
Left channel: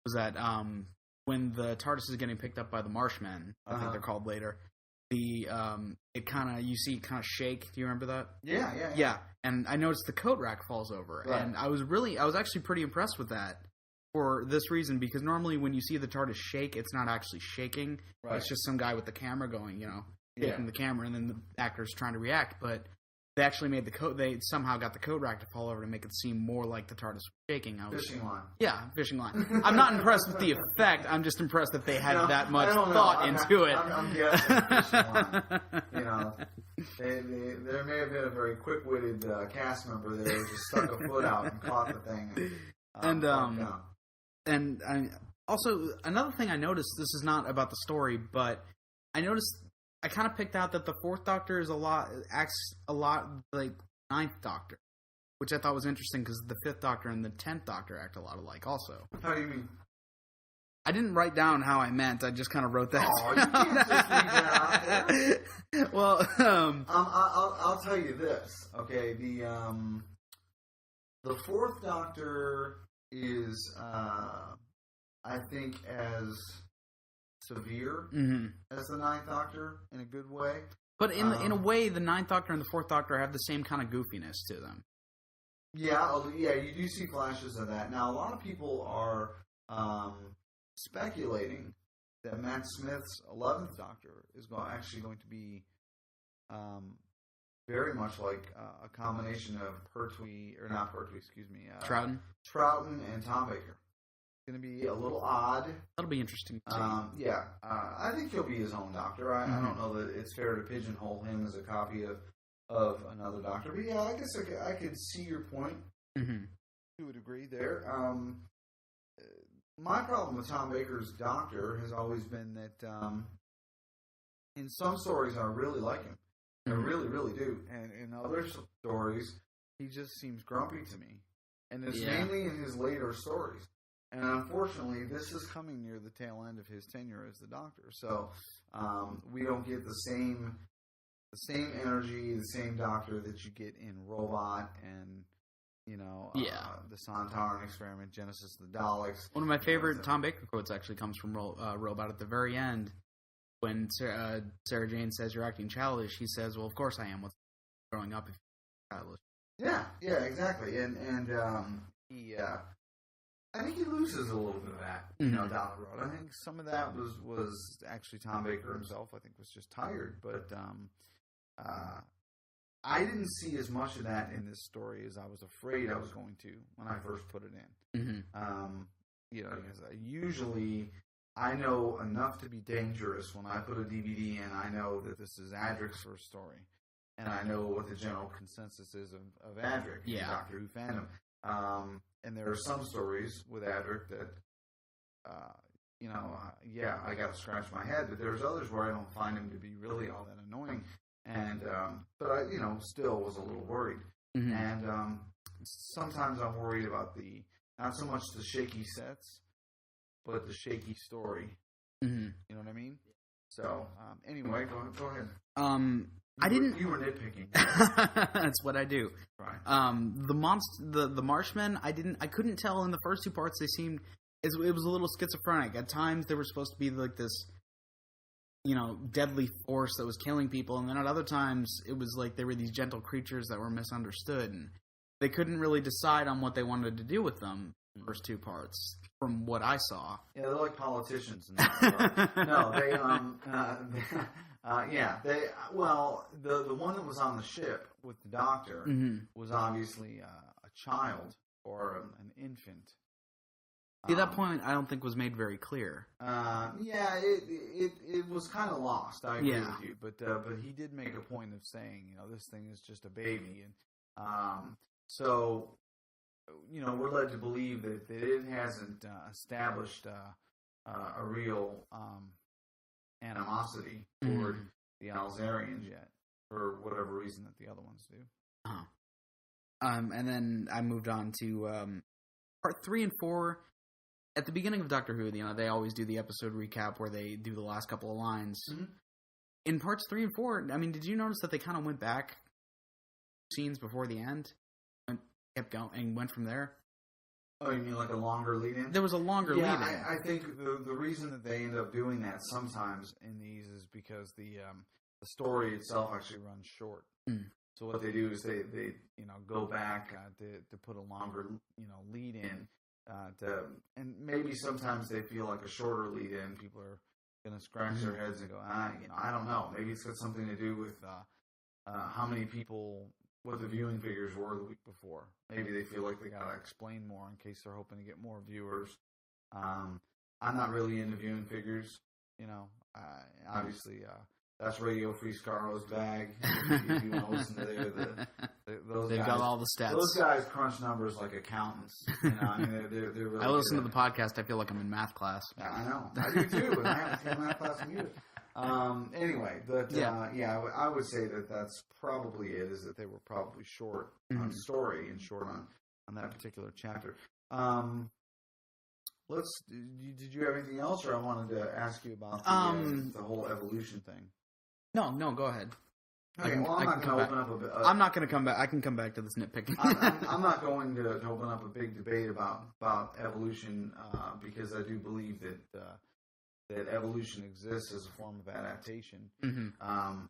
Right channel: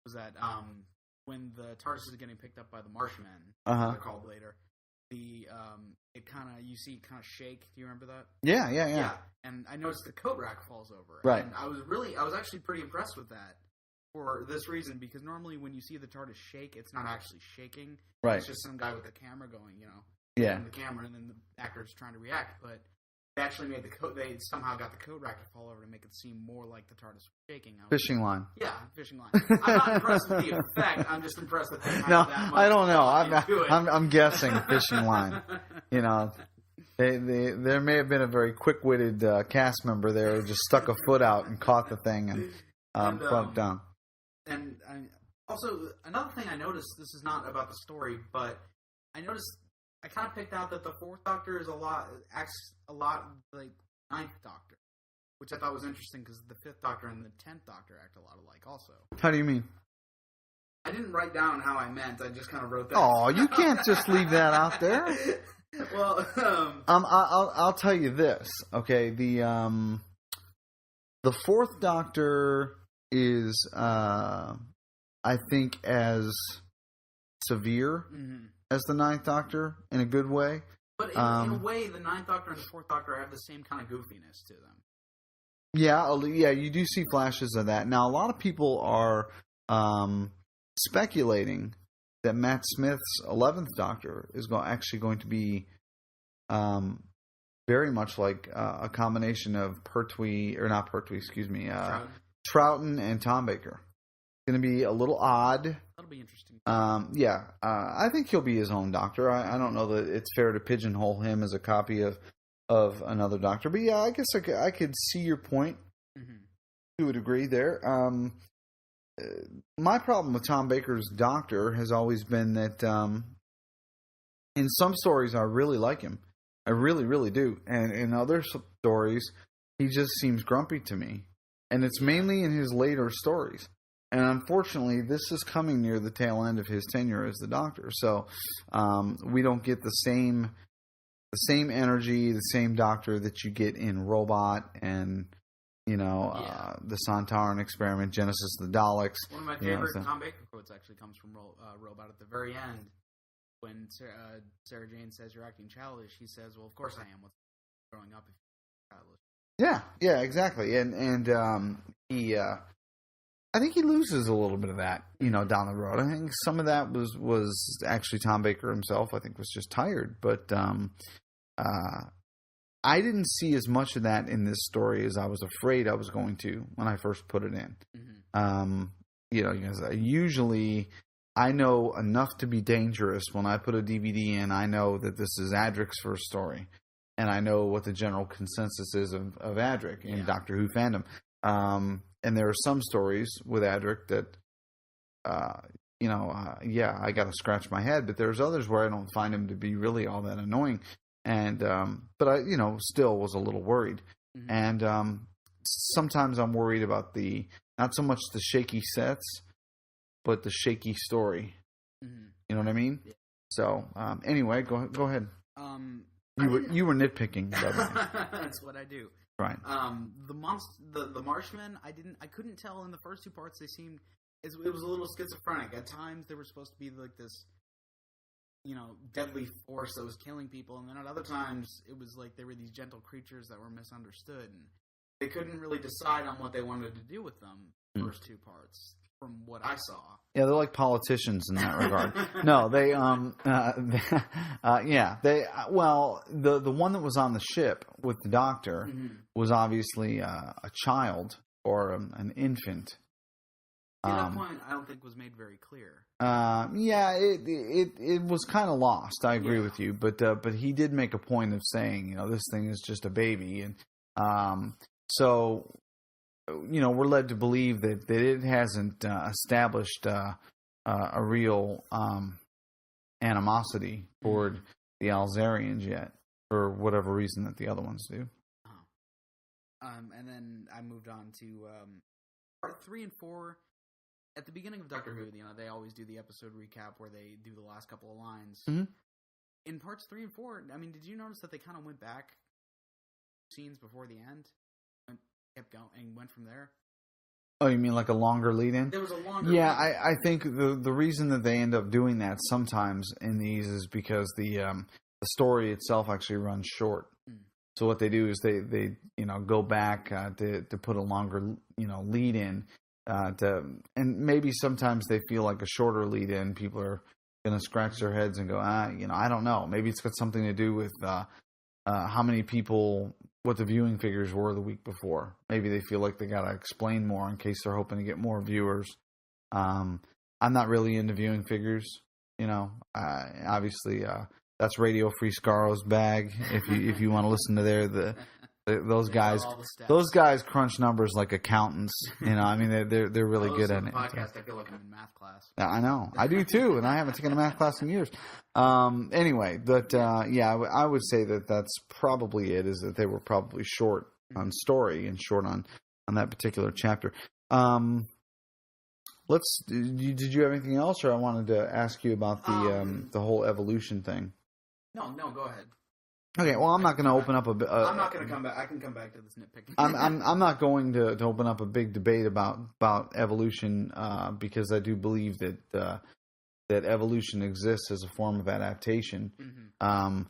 was that when the TARDIS is getting picked up by the Marshmen, they're called later, you see it kind of shake. Do you remember that? Yeah. And I noticed the coat rack falls over. Right. And I was actually pretty impressed with that for this reason, because normally when you see the TARDIS shake, it's not actually shaking. Right. It's just some guy with the camera going, in the camera, and then the actor's trying to react. But they actually made they somehow got the coat rack to fall over to make it seem more like the TARDIS was shaking. Fishing line. Yeah, fishing line. I'm not impressed with the effect. I'm just impressed that they had that much thought into it. I'm guessing fishing line. There may have been a very quick-witted cast member there who just stuck a foot out and caught the thing and bumped down. And also, another thing I noticed, this is not about the story, but I noticed I kind of picked out that the Fourth Doctor acts a lot like Ninth Doctor, which I thought was interesting because the Fifth Doctor and the 10th Doctor act a lot alike also. How do you mean? I didn't write down how I meant. I just kind of wrote that. Oh, you can't just leave that out there. Well, I'll tell you this. Okay, the Fourth Doctor is, I think, as severe as the Ninth Doctor in a good way. But in a way, the Ninth Doctor and the Fourth Doctor have the same kind of goofiness to them. Yeah, you do see flashes of that. Now, a lot of people are speculating that Matt Smith's 11th Doctor is actually going to be very much like a combination of Troughton and Tom Baker. It's going to be a little odd. That'll be interesting. I think he'll be his own Doctor. I don't know that it's fair to pigeonhole him as a copy of another Doctor. But yeah, I guess I could see your point to a degree there. My problem with Tom Baker's Doctor has always been that in some stories I really like him. I really, really do. And in other stories, he just seems grumpy to me. And it's mainly in his later stories. And unfortunately, this is coming near the tail end of his tenure as the Doctor. So we don't get the same the same energy, the same Doctor that you get in Robot and the Sontaran Experiment, Genesis of the Daleks. One of my favorite Tom Baker quotes actually comes from Robot at the very end. When Sarah Jane says you're acting childish, he says, "Well, of course I am. What's growing up if you're childish?" Yeah, exactly. And he, I think he loses a little bit of that, down the road. I think some of that was actually Tom Baker himself. I think was just tired, but I didn't see as much of that in this story as I was afraid I was going to when I first put it in. Because usually I know enough to be dangerous when I put a DVD in. I know that this is Adric's first story, and I know what the general consensus is of Adric in Doctor Who fandom. And there are some stories with Adric that, I got to scratch my head, but there's others where I don't find him to be really all that annoying. And, but I, still was a little worried. And, sometimes I'm worried about not so much the shaky sets, but the shaky story. You know what I mean? Yeah. So, anyway, go ahead. You were nitpicking. That's what I do. Right. The Marshmen, I couldn't tell in the first two parts. They seemed, it was a little schizophrenic. At times they were supposed to be like this, deadly force that was killing people, and then at other times it was like they were these gentle creatures that were misunderstood, and they couldn't really decide on what they wanted to do with them. First two parts, from what I saw. Yeah, they're like politicians in that regard. No, they the one that was on the ship with the Doctor was obviously a child or an infant. At that point, I don't think was made very clear. It was kind of lost. I agree with you, but he did make a point of saying, this thing is just a baby, and so. We're led to believe that it hasn't established a real animosity toward the Alzarians yet, for whatever reason that the other ones do. And then I moved on to part 3 and 4. At the beginning of Doctor Who, they always do the episode recap where they do the last couple of lines. In parts 3 and 4, did you notice that they kind of went back scenes before the end? Kept going and went from there. Oh, you mean like a longer lead-in? There was a longer lead-in. I think the reason that they end up doing that sometimes in these is because the story itself actually runs short. So what they do is they go back to put a longer lead-in and maybe sometimes they feel like a shorter lead-in. People are going to scratch their heads and go, I don't know. Maybe it's got something to do with how many people. What the viewing figures were the week before. Maybe they feel like they got to explain more in case they're hoping to get more viewers. I'm not really into viewing figures. Obviously, that's Radio Free Scarro's bag. If you want to listen to those guys, those guys crunch numbers like accountants. They're really good at it. Podcast, I feel like I'm in math class. I know, I do too, and I haven't taken a math class in years. Anyway, but I would say that that's probably it. Is that they were probably short on story and short on that particular chapter. Did you have anything else, or I wanted to ask you about the whole evolution thing? No, go ahead. Okay, well, I'm not going to open up I'm not going to come back. I can come back to this nitpicking. I'm not going to open up a big debate about evolution because I do believe that evolution exists as a form of adaptation. One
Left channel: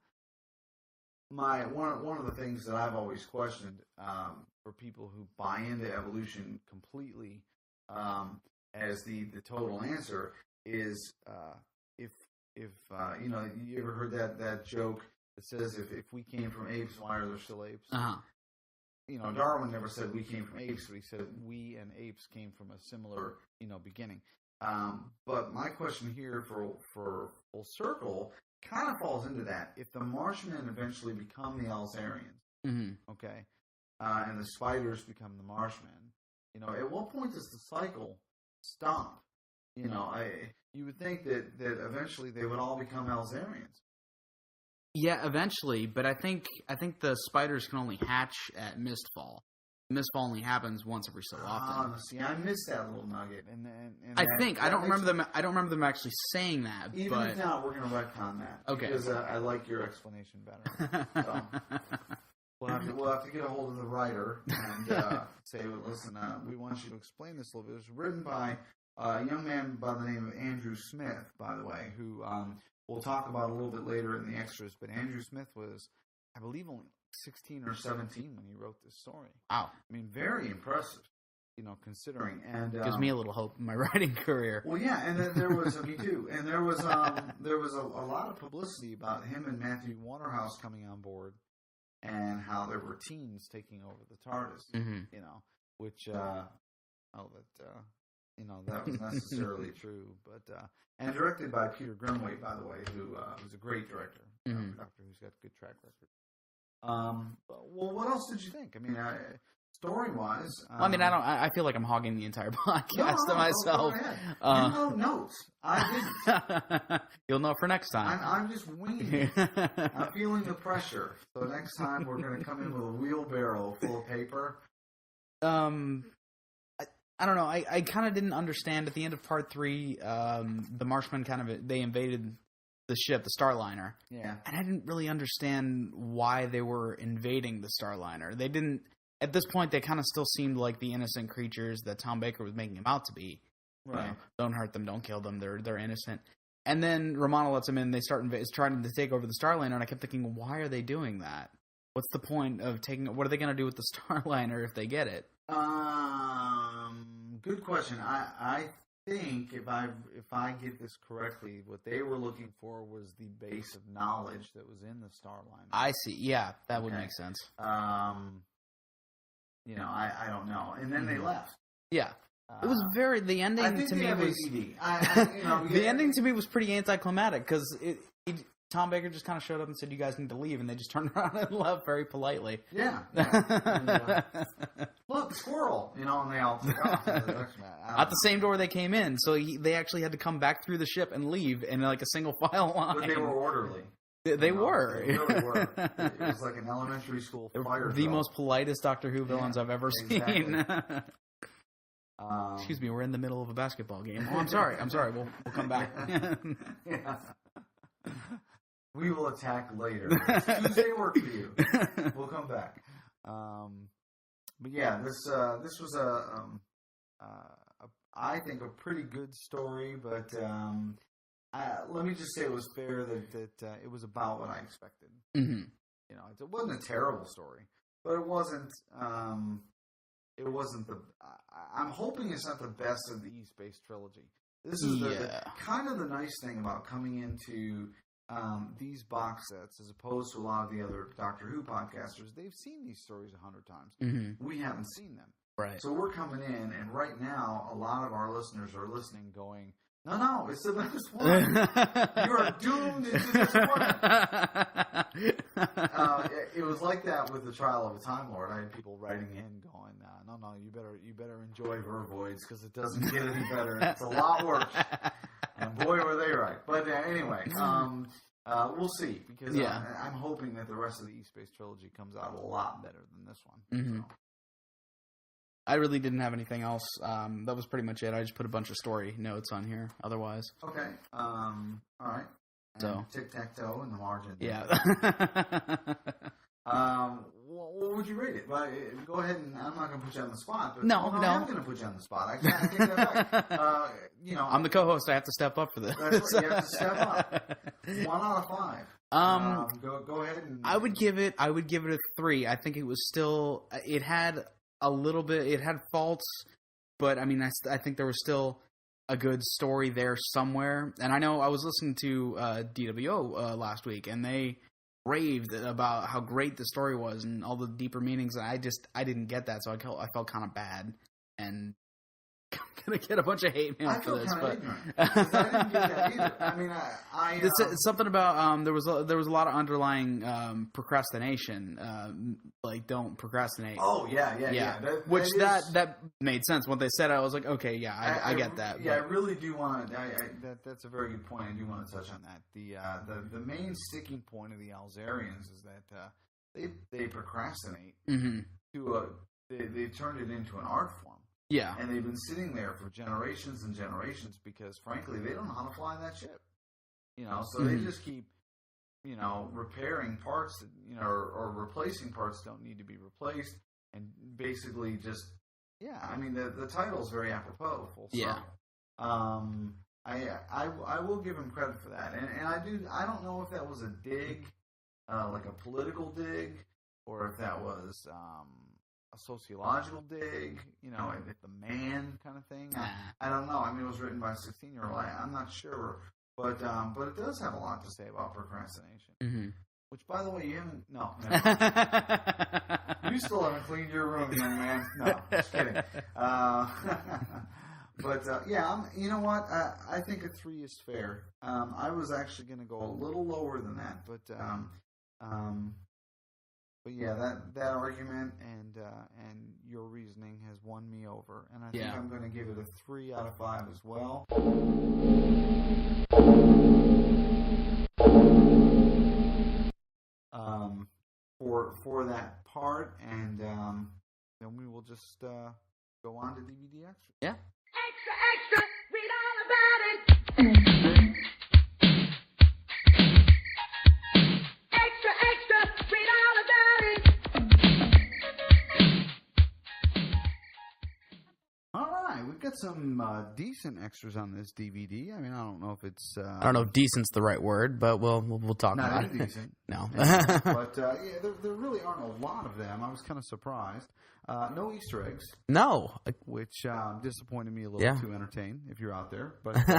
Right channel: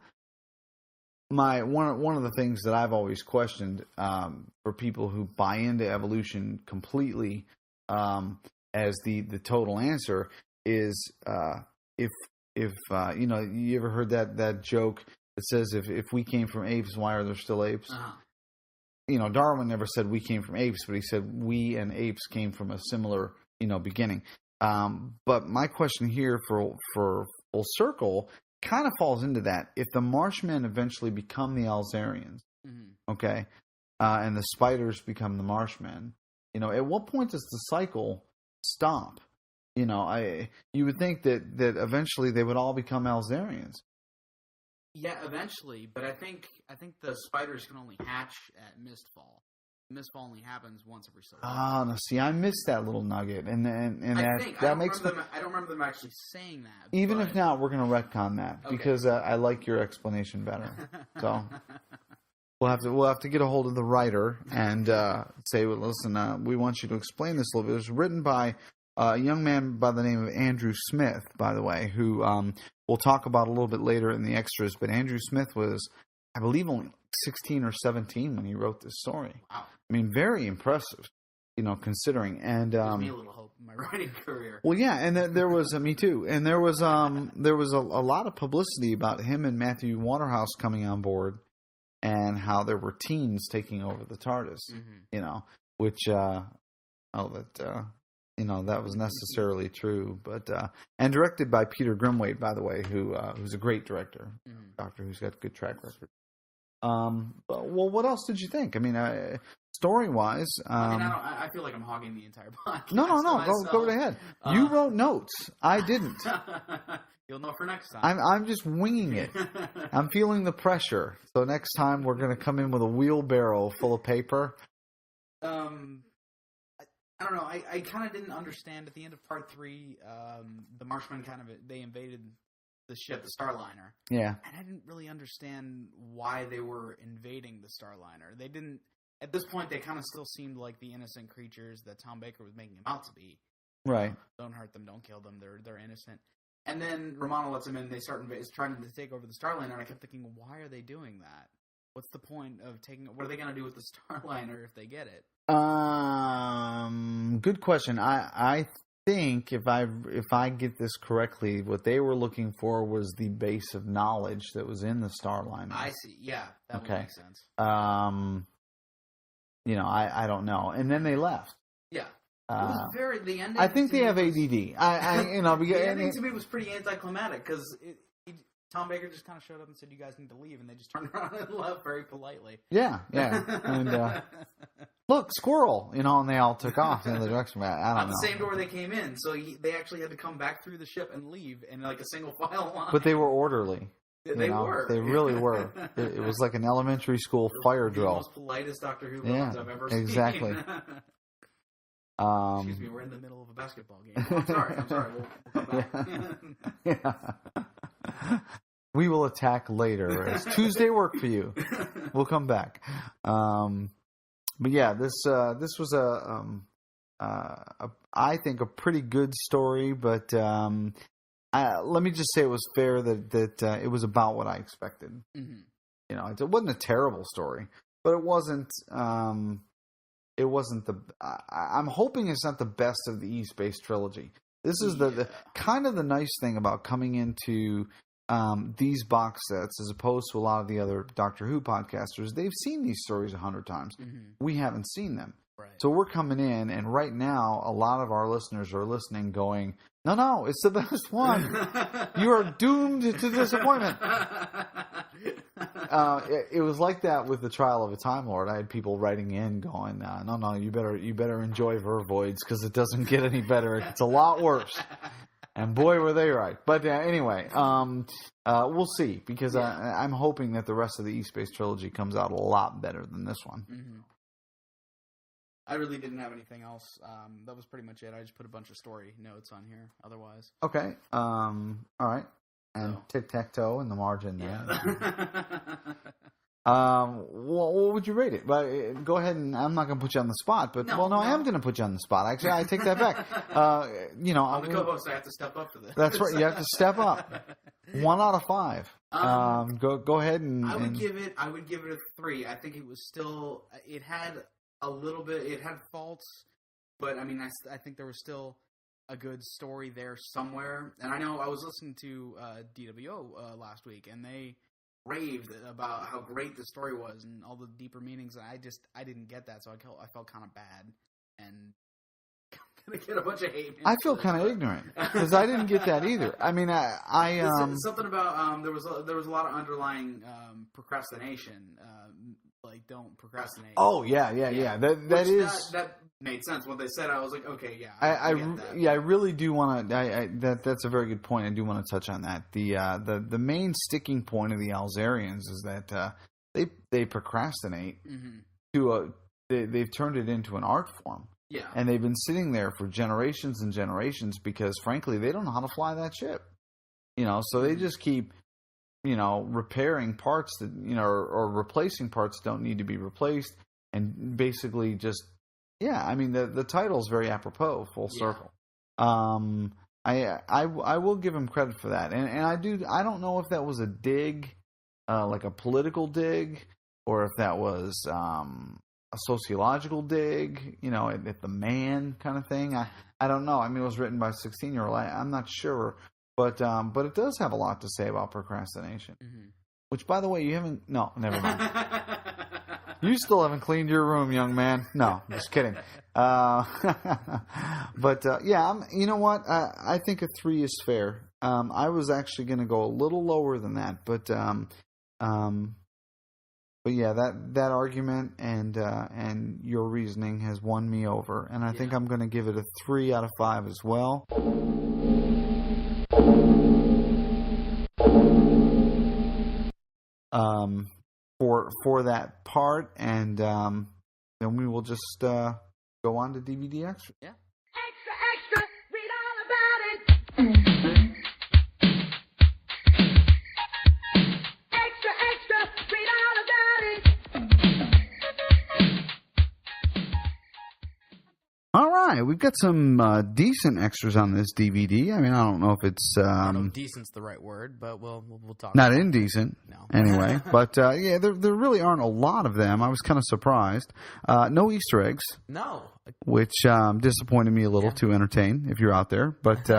of the things that I've always questioned for people who buy into evolution completely as the total answer is if you ever heard that joke that says if we came from apes, why are there still apes? Darwin never said we came from apes, but he said we and apes came from a similar beginning. But my question here for full circle kind of falls into that. If the Marshmen eventually become the Alzarians, okay, and the spiders become the Marshmen, at what point does the cycle stop? You would think that eventually they would all become Alzarians. Yeah, eventually, but I think the spiders can only hatch at mistfall. mist only happens once every so often. Oh, no, see, I missed that little nugget, and I don't remember them actually saying that. Even if not, we're going to retcon that because I like your explanation better. So we'll have to get a hold of the writer and say, well, listen, we want you to explain this a little bit. It was written by a young man by the name of Andrew Smith, by the way, who we'll talk about a little bit later in the extras. But Andrew Smith was, I believe, only 16 or 17 when he wrote this story. Wow. I mean, very impressive, considering. And gives me a little hope in my writing career. Well, yeah, and there was me too. And there was a lot of publicity about him and Matthew Waterhouse coming on board, and how there were teens taking over the TARDIS. Which that was necessarily true, but and directed by Peter Grimwade, by the way, who's a great director, Doctor Who's got a good track record. Well, what else did you think? I mean, story-wise, I feel like I'm hogging the entire podcast. No, go ahead. You wrote notes. I didn't. You'll know for next time. I'm just winging it. I'm feeling the pressure. So next time we're going to come in with a wheelbarrow full of paper. I don't know. I kind of didn't understand at the end of part 3. The Marshmen they invaded the ship, the Starliner. Yeah. And I didn't really understand why they were invading the Starliner. They didn't. At this point, they kind of still seemed like the innocent creatures that Tom Baker was making them out to be. Right. Don't hurt them. Don't kill them. They're innocent. And then Romana lets them in. They start trying to take over the Starliner. And I kept thinking, why are they doing that? What's the point of taking? What are they going to do with the Starliner if they get it? Good question. I think if I get this correctly, what they were looking for was the base of knowledge that was in the Starliner. I see. Yeah, that would make sense. I don't know. And then they left. Yeah. It was the ending. I think they have ADD. The ending to me was pretty anticlimactic because Tom Baker just kind of showed up and said, "You guys need to leave," and they just turned around and left very politely. Yeah. And, look, squirrel, and they all took off in the direction. At the same door they came in, so they actually had to come back through the ship and leave in like a single file line. But they were orderly. They were. They really were. It was like an elementary school fire drill. The most politest Doctor Who villains I've ever seen. Excuse me, we're in the middle of a basketball game. Oh, I'm sorry. We'll come back. Yeah. We will attack later. It's Tuesday work for you. We'll come back. But yeah, this was I think a pretty good story. But let me just say it was fair that it was about what I expected. Mm-hmm. It wasn't a terrible story, but it wasn't. It wasn't I'm hoping it's not the best of the East Base trilogy. This is the kind of the nice thing about coming into these box sets, as opposed to a lot of the other Doctor Who podcasters. They've seen these stories 100 times. Mm-hmm. We haven't seen them. Right. So we're coming in, and right now, a lot of our listeners are listening, going, "No, it's the best one. You are doomed to disappointment." It was like that with the Trial of a Time Lord. I had people writing in, going, "No, you better enjoy Vervoids because it doesn't get any better. It's a lot worse." And boy, were they right. But anyway, we'll see, because I'm hoping that the rest of the East Base trilogy comes out a lot better than this one. Mm-hmm. I really didn't have anything else. That was pretty much it. I just put a bunch of story notes on here. Otherwise, okay. All right. So tic-tac-toe in the margin. Yeah. What would you rate it? But go ahead, and I'm not going to put you on the spot. But I am going to put you on the spot. Actually, I take that back. I'm the co-host. I have to step up for this. That's right. You have to step up. 1 out of 5. Go ahead and. I would give it a 3. I think it was still. It had a little bit. It had faults, but I mean, I think there was still a good story there somewhere. And I know I was listening to DWO last week, and they raved about how great the story was and all the deeper meanings. And I didn't get that, so I felt kind of bad, and I'm gonna get a bunch of hate. I feel kind of ignorant because I didn't get that either. I mean, it's something about there was a lot of underlying procrastination. Like, don't procrastinate. Oh yeah. That made sense when they said it. I was like, okay, yeah, I get that. Yeah, I really do want to. That's a very good point. I do want to touch on that. The main sticking point of the Alzarians is that they procrastinate mm-hmm. they've turned it into an art form. Yeah. And they've been sitting there for generations and generations because, frankly, they don't know how to fly that ship. So they just keep, repairing parts that, or replacing parts that don't need to be replaced. And basically just, the title's very apropos, full circle. Yeah. I will give him credit for that. And I don't know if that was a dig, like a political dig, or if that was a sociological dig, at the man kind of thing. I don't know. It was written by a 16-year-old. I'm not sure. But it does have a lot to say about procrastination. Mm-hmm. Which, by the way, you haven't... No, never mind. You still haven't cleaned your room, young man. No, just kidding. You know what? I think a 3 is fair. I was actually going to go a little lower than that, but yeah, that argument and your reasoning has won me over, and I think I'm going to give it a 3 out of 5 as well. For that part, and then we will just go on to DVD Extra. Yeah. Extra, extra, read all about it. Extra, extra, read all about it. All right, we've got some decent extras on this DVD. I don't know if it's... I don't know if decent's the right word, but we'll talk not about indecent. It. No. Anyway, but there really aren't a lot of them. I was kind of surprised. No Easter eggs. No. Which disappointed me a little to entertain, if you're out there. But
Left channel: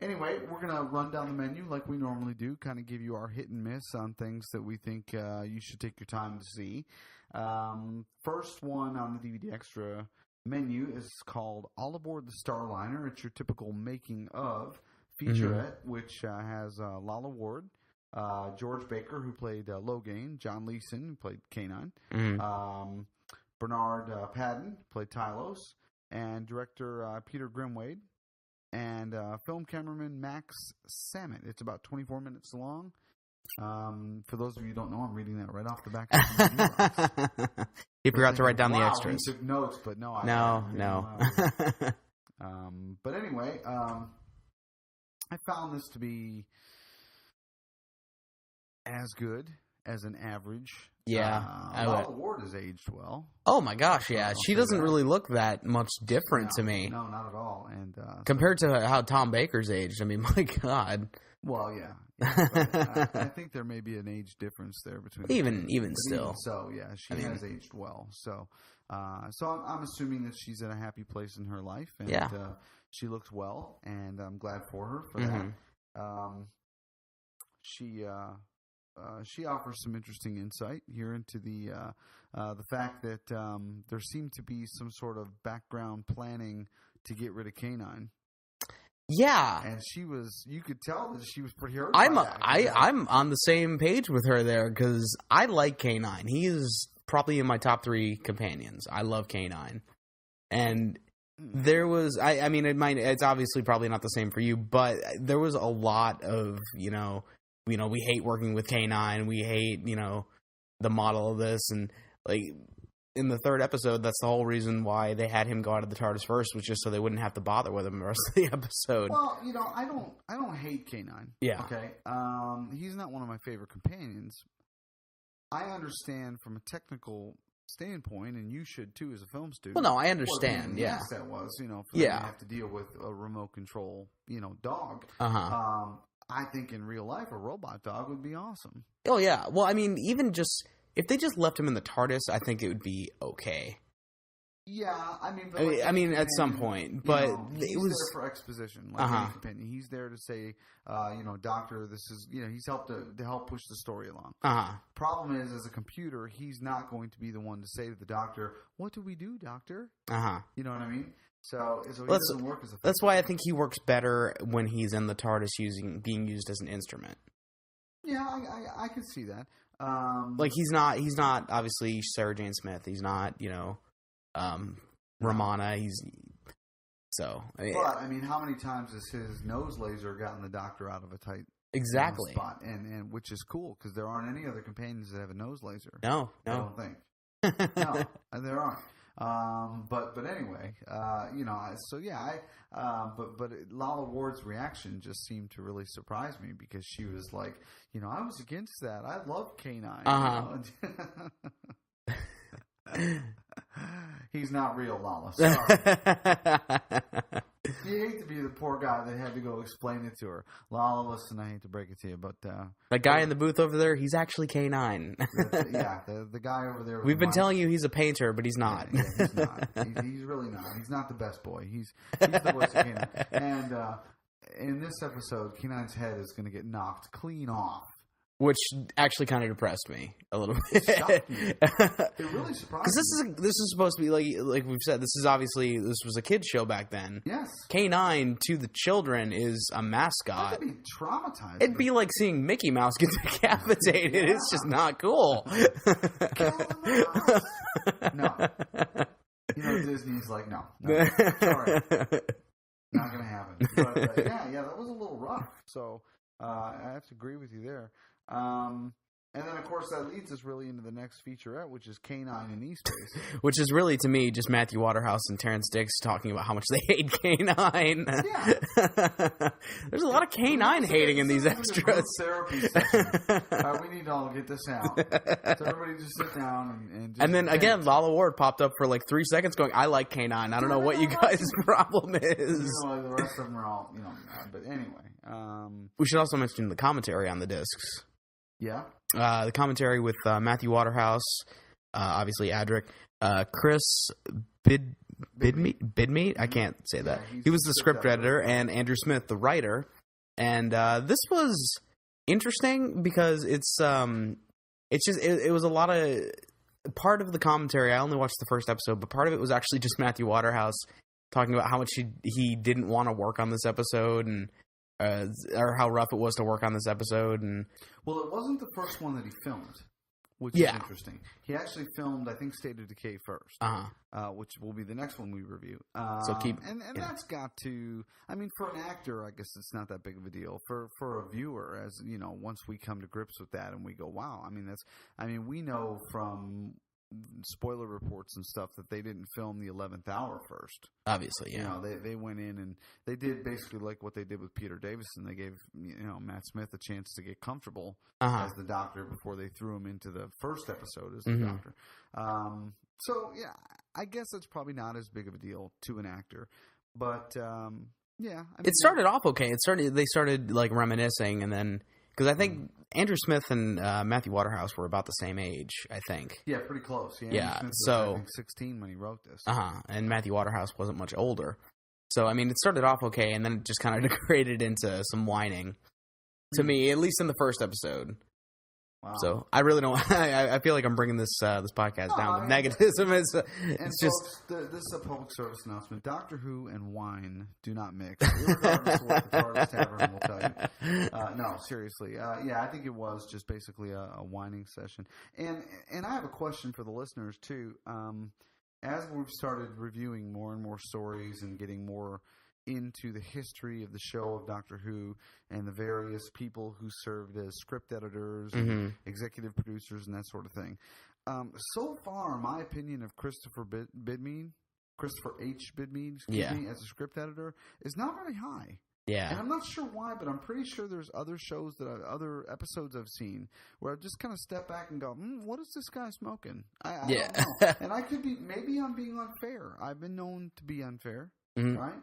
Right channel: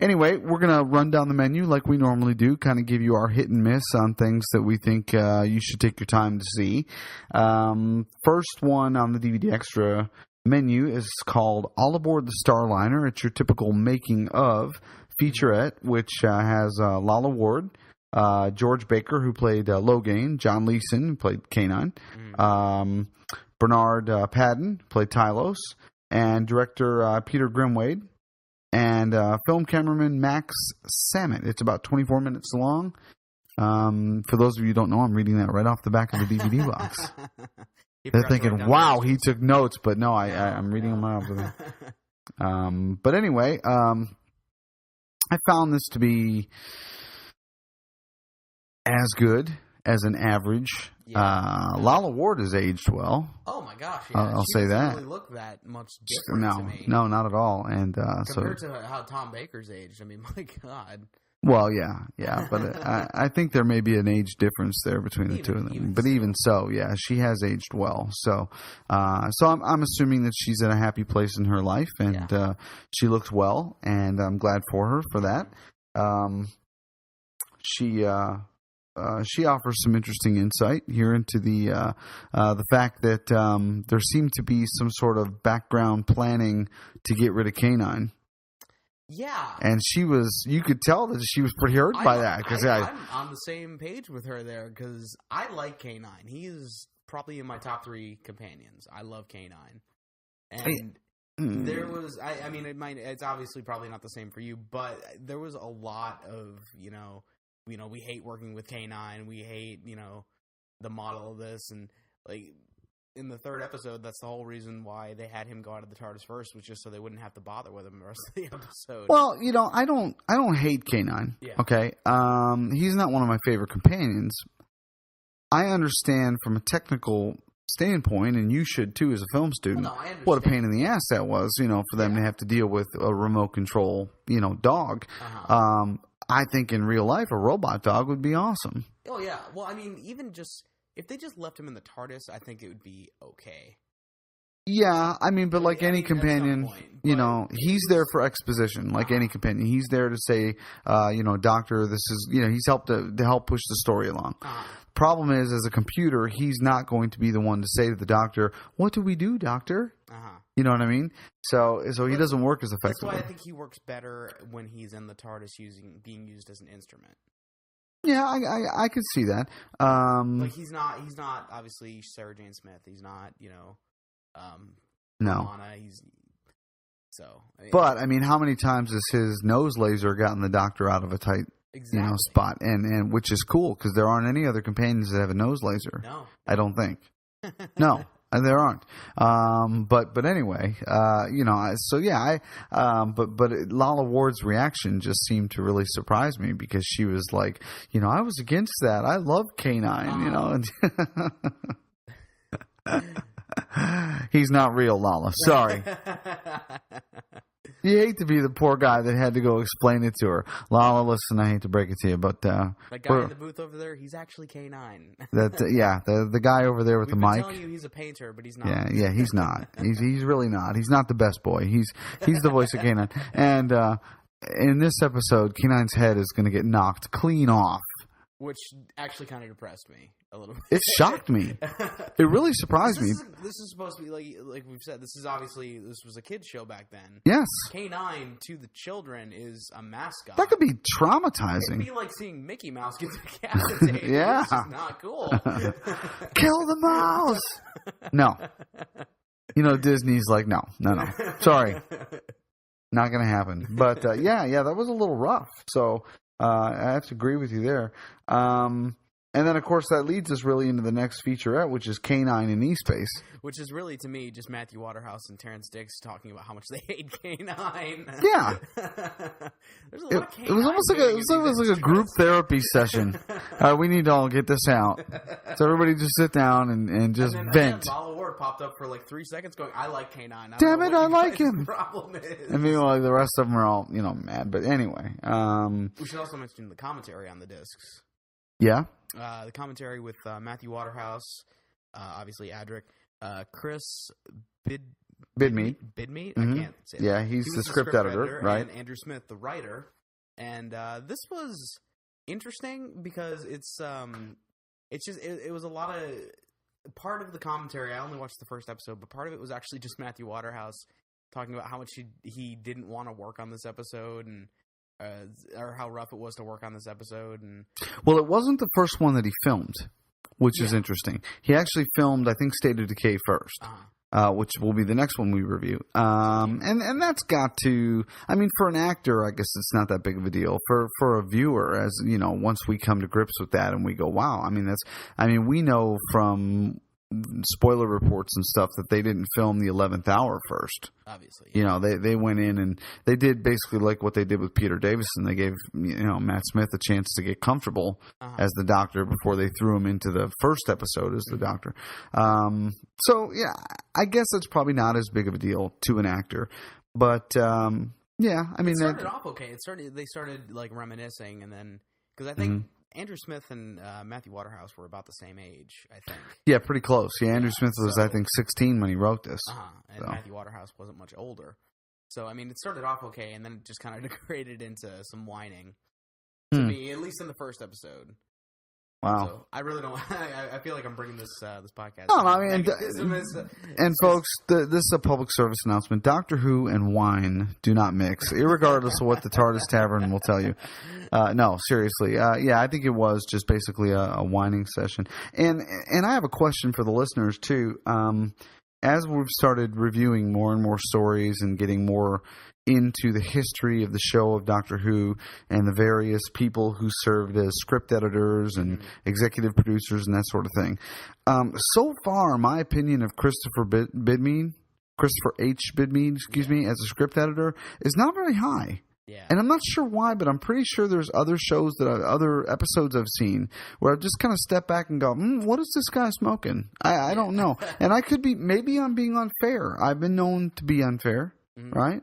anyway, we're going to run down the menu like we normally do, kind of give you our hit and miss on things that we think you should take your time to see. First one on the DVD Extra menu is called All Aboard the Starliner. It's your typical making of featurette, which has Lalla Ward, George Baker, who played Logain, John Leeson, who played K9, Bernard Padden, played Tylos, and director Peter Grimwade, and film cameraman Max Samet. It's about 24 minutes long. For those of you who don't know, I'm reading that right off the back of the DVD box. They're thinking, wow, he took notes, but no, I'm reading them out. But anyway, I found this to be as good as an average. Lalla Ward has aged well. Oh my gosh, yeah. She doesn't really look that much different to me. No, not at all. And compared to how Tom Baker's aged, my God. Well, yeah, but I think there may be an age difference there between the two of them. But even so, yeah, she has aged well. So I'm assuming that she's in a happy place in her life, and she looks well, and I'm glad for her for that. She offers some interesting insight here into the fact that there seemed to be some sort of background planning to get rid of K9. Yeah. And you could tell that she was pretty hurt by that. I'm on the same page with her there because I like K9. He is probably in my top 3 companions. I love K9. And there was, it's obviously probably not the same for you, but there was a lot of, we hate working with K9. We hate, the model of this. And like, in the 3rd episode, that's the whole reason why they had him go out of the TARDIS first, was just so they wouldn't have to bother with him the rest of the episode. Well, I don't hate K9. Yeah. Okay. He's not one of my favorite companions. I understand from a technical standpoint, and you should too as a film student. Well, no, I understand. What a pain in the ass that was, for them to have to deal with a remote control, dog. I think in real life, a robot dog would be awesome. Oh, yeah. Well, even just... if they just left him in the TARDIS, I think it would be okay. Yeah, but like any companion, at some point, he's there for exposition, like any companion. He's there to say, Doctor, this is, he's helped to help push the story along. Problem is, as a computer, he's not going to be the one to say to the Doctor, "What do we do, Doctor?" You know what I mean? So he doesn't work as effectively. That's why I think he works better when he's in the TARDIS being used as an instrument. Yeah, I could see that. Like he's not obviously Sarah Jane Smith. He's not, Romana. But how many times has his nose laser gotten the Doctor out of a tight spot? And which is cool because there aren't any other companions that have a nose laser. No. I don't think. No, there aren't. But anyway, but Lala Ward's reaction just seemed to really surprise me because she was like, I was against that. I love K9, He's not real, Lala. Sorry. You hate to be the poor guy that had to go explain it to her. Lala, listen, I hate to break it to you, but... that guy in the booth over there, he's actually K9. The guy over there with We've the been mic. telling you he's a painter, but he's not. Yeah, he's not. He's really not. He's not the best boy. He's the voice of K9. And in this episode, K9's head is going to get knocked clean off. Which actually kind of depressed me a little bit. It shocked me. It really surprised me. This is supposed to be like we've said. This was a kids show back then. Yes. K9 to the children is a mascot. That could be traumatizing. It'd be like seeing Mickey Mouse get decapitated. Yeah. It's just not cool. Kill the mouse. No. Disney's like, no. Sorry. Not going to happen. But that was a little rough. So I have to agree with you there. And then, of course, that leads us really into the next featurette, which is K9 in E-Space. Which is really, to me, just Matthew Waterhouse and Terrence Dix talking about how much they hate K9. Yeah. There's a lot of K9 hating in these extras. It was like a group therapy session. We need to all get this out. So everybody just sit down and just And then, vent. again, Lala Ward popped up for like 3 seconds going, I like K9. I don't know what you guys' problem is. I mean, well, the rest of them are all, mad. But anyway. We should also mention the commentary on the discs. Yeah. The commentary with Matthew Waterhouse, obviously Adric, Chris Bidmead. Mm-hmm. I can't say that. Yeah, he was the script editor, right. and Andrew Smith, the writer. And this was interesting because it was a lot of part of the commentary. I only watched the first episode, but part of it was actually just Matthew Waterhouse talking about how much he didn't want to work on this episode and. Or how rough it was to work on this episode. And well, it wasn't the first one that he filmed, which is interesting. He actually filmed, I think, State of Decay first, which will be the next one we review. And that's got to, I mean, for an actor, I guess it's not that big of a deal. For a viewer, as once we come to grips with that and we go, wow, we know from spoiler reports and stuff that they didn't film the 11th hour first. Obviously, yeah. They went in and they did basically like what they did with Peter Davison. They gave Matt Smith a chance to get comfortable as the Doctor before they threw him into the first episode as the Doctor. So yeah, I guess it's probably not as big of a deal to an actor, but it started off okay. They started like reminiscing, and then because I think. Andrew Smith and Matthew Waterhouse were about the same age, I think. Yeah, pretty close. Yeah, Andrew Smith was, I think, 16 when he wrote this. And Matthew Waterhouse wasn't much older. So, I mean, it started off okay, and then it just kind of degraded into some whining. To me, at least in the first episode. Wow. So, I really don't... I feel like I'm bringing this podcast down. Negativism and folks, this is a public service announcement. Doctor Who and wine do not mix, irregardless of what the TARDIS Tavern will tell you. No, seriously. I think it was just basically a whining session. And I have a question for the listeners, too. As we've started reviewing more and more stories and getting more into the history of the show of Doctor Who and the various people who served as script editors and executive producers and that sort of thing. So far, my opinion of Christopher H. Bidmead, as a script editor is not very high. Yeah. And I'm not sure why, but I'm pretty sure there's other shows other episodes I've seen where I've just kind of stepped back and go, what is this guy smoking? I don't know. And I could maybe I'm being unfair. I've been known to be unfair, right?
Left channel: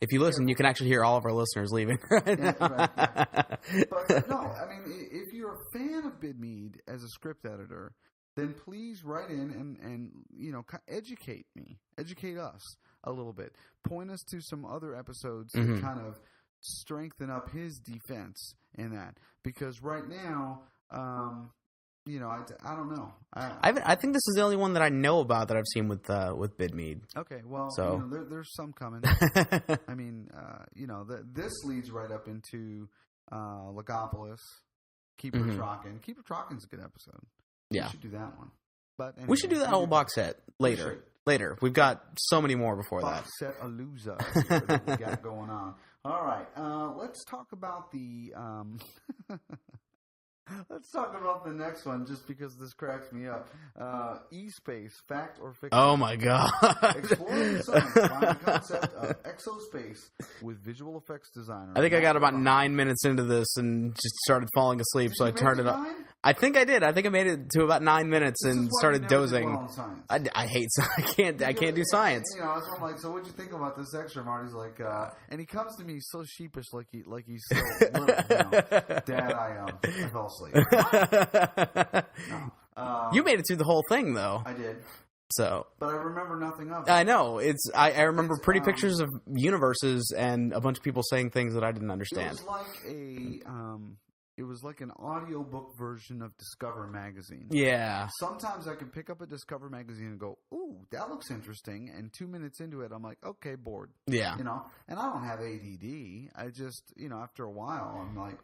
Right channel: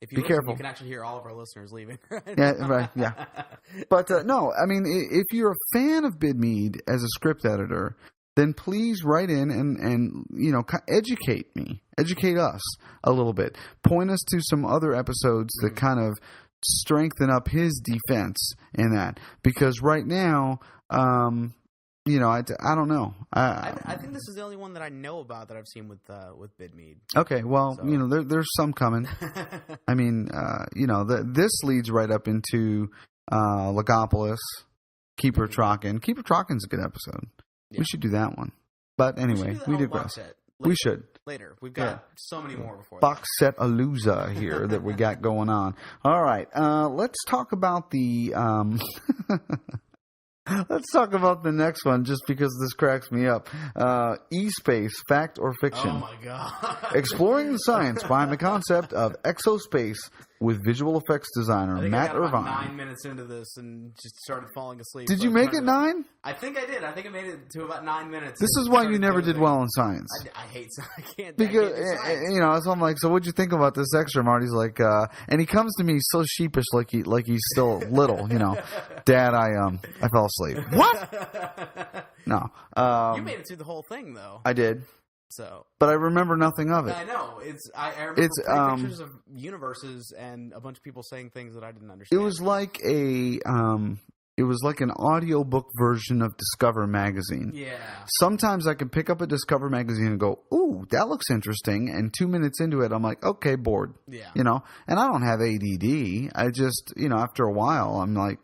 If you listen, you can actually hear all of our listeners leaving. Yeah. But no, I mean, if you're a fan of Bidmead as a script editor, then please write in and educate us a little bit. Point us to some other episodes that kind of strengthen up his defense in that. Because right now, I don't know. I think this is the only one that I know about that I've seen with Bidmead. Okay, well, there's some coming. I mean, this leads right up into Logopolis, Keeper Traken. Keeper Traken's a good episode. Yeah. We should do that one. But anyway, we should do that whole box set later. We should. Later. We've got so many more before box set Aluza here that we got going on. All right. Let's talk about the Let's talk about the next one, just because this cracks me up. E-Space, fact or fiction? Oh my god! Exploring the science behind the concept of exospace with visual effects designer. I think Matt I got about Irvine. 9 minutes into this and just started falling asleep. Did so you I make turned it up. 9? I think I did. I think I made it to about 9 minutes. This and is why you started never dozing. did well in science. I hate. I can't do science. You know, so I'm like, so what'd you think about this extra? Marty's like, and he comes to me so sheepish, like he's still little. You know, Dad, I fell asleep. What? No. You made it through the whole thing, though. I did. So, but I remember nothing of it. I know. I remember pretty pictures of universes and a bunch of people saying things that I didn't understand. It was like an audiobook version of Discover magazine. Yeah. Sometimes I can pick up a Discover magazine and go, "Ooh, that looks interesting." And 2 minutes into it, I'm like, "Okay, bored." Yeah. You know, and I don't have ADD. I just, after a while, I'm like,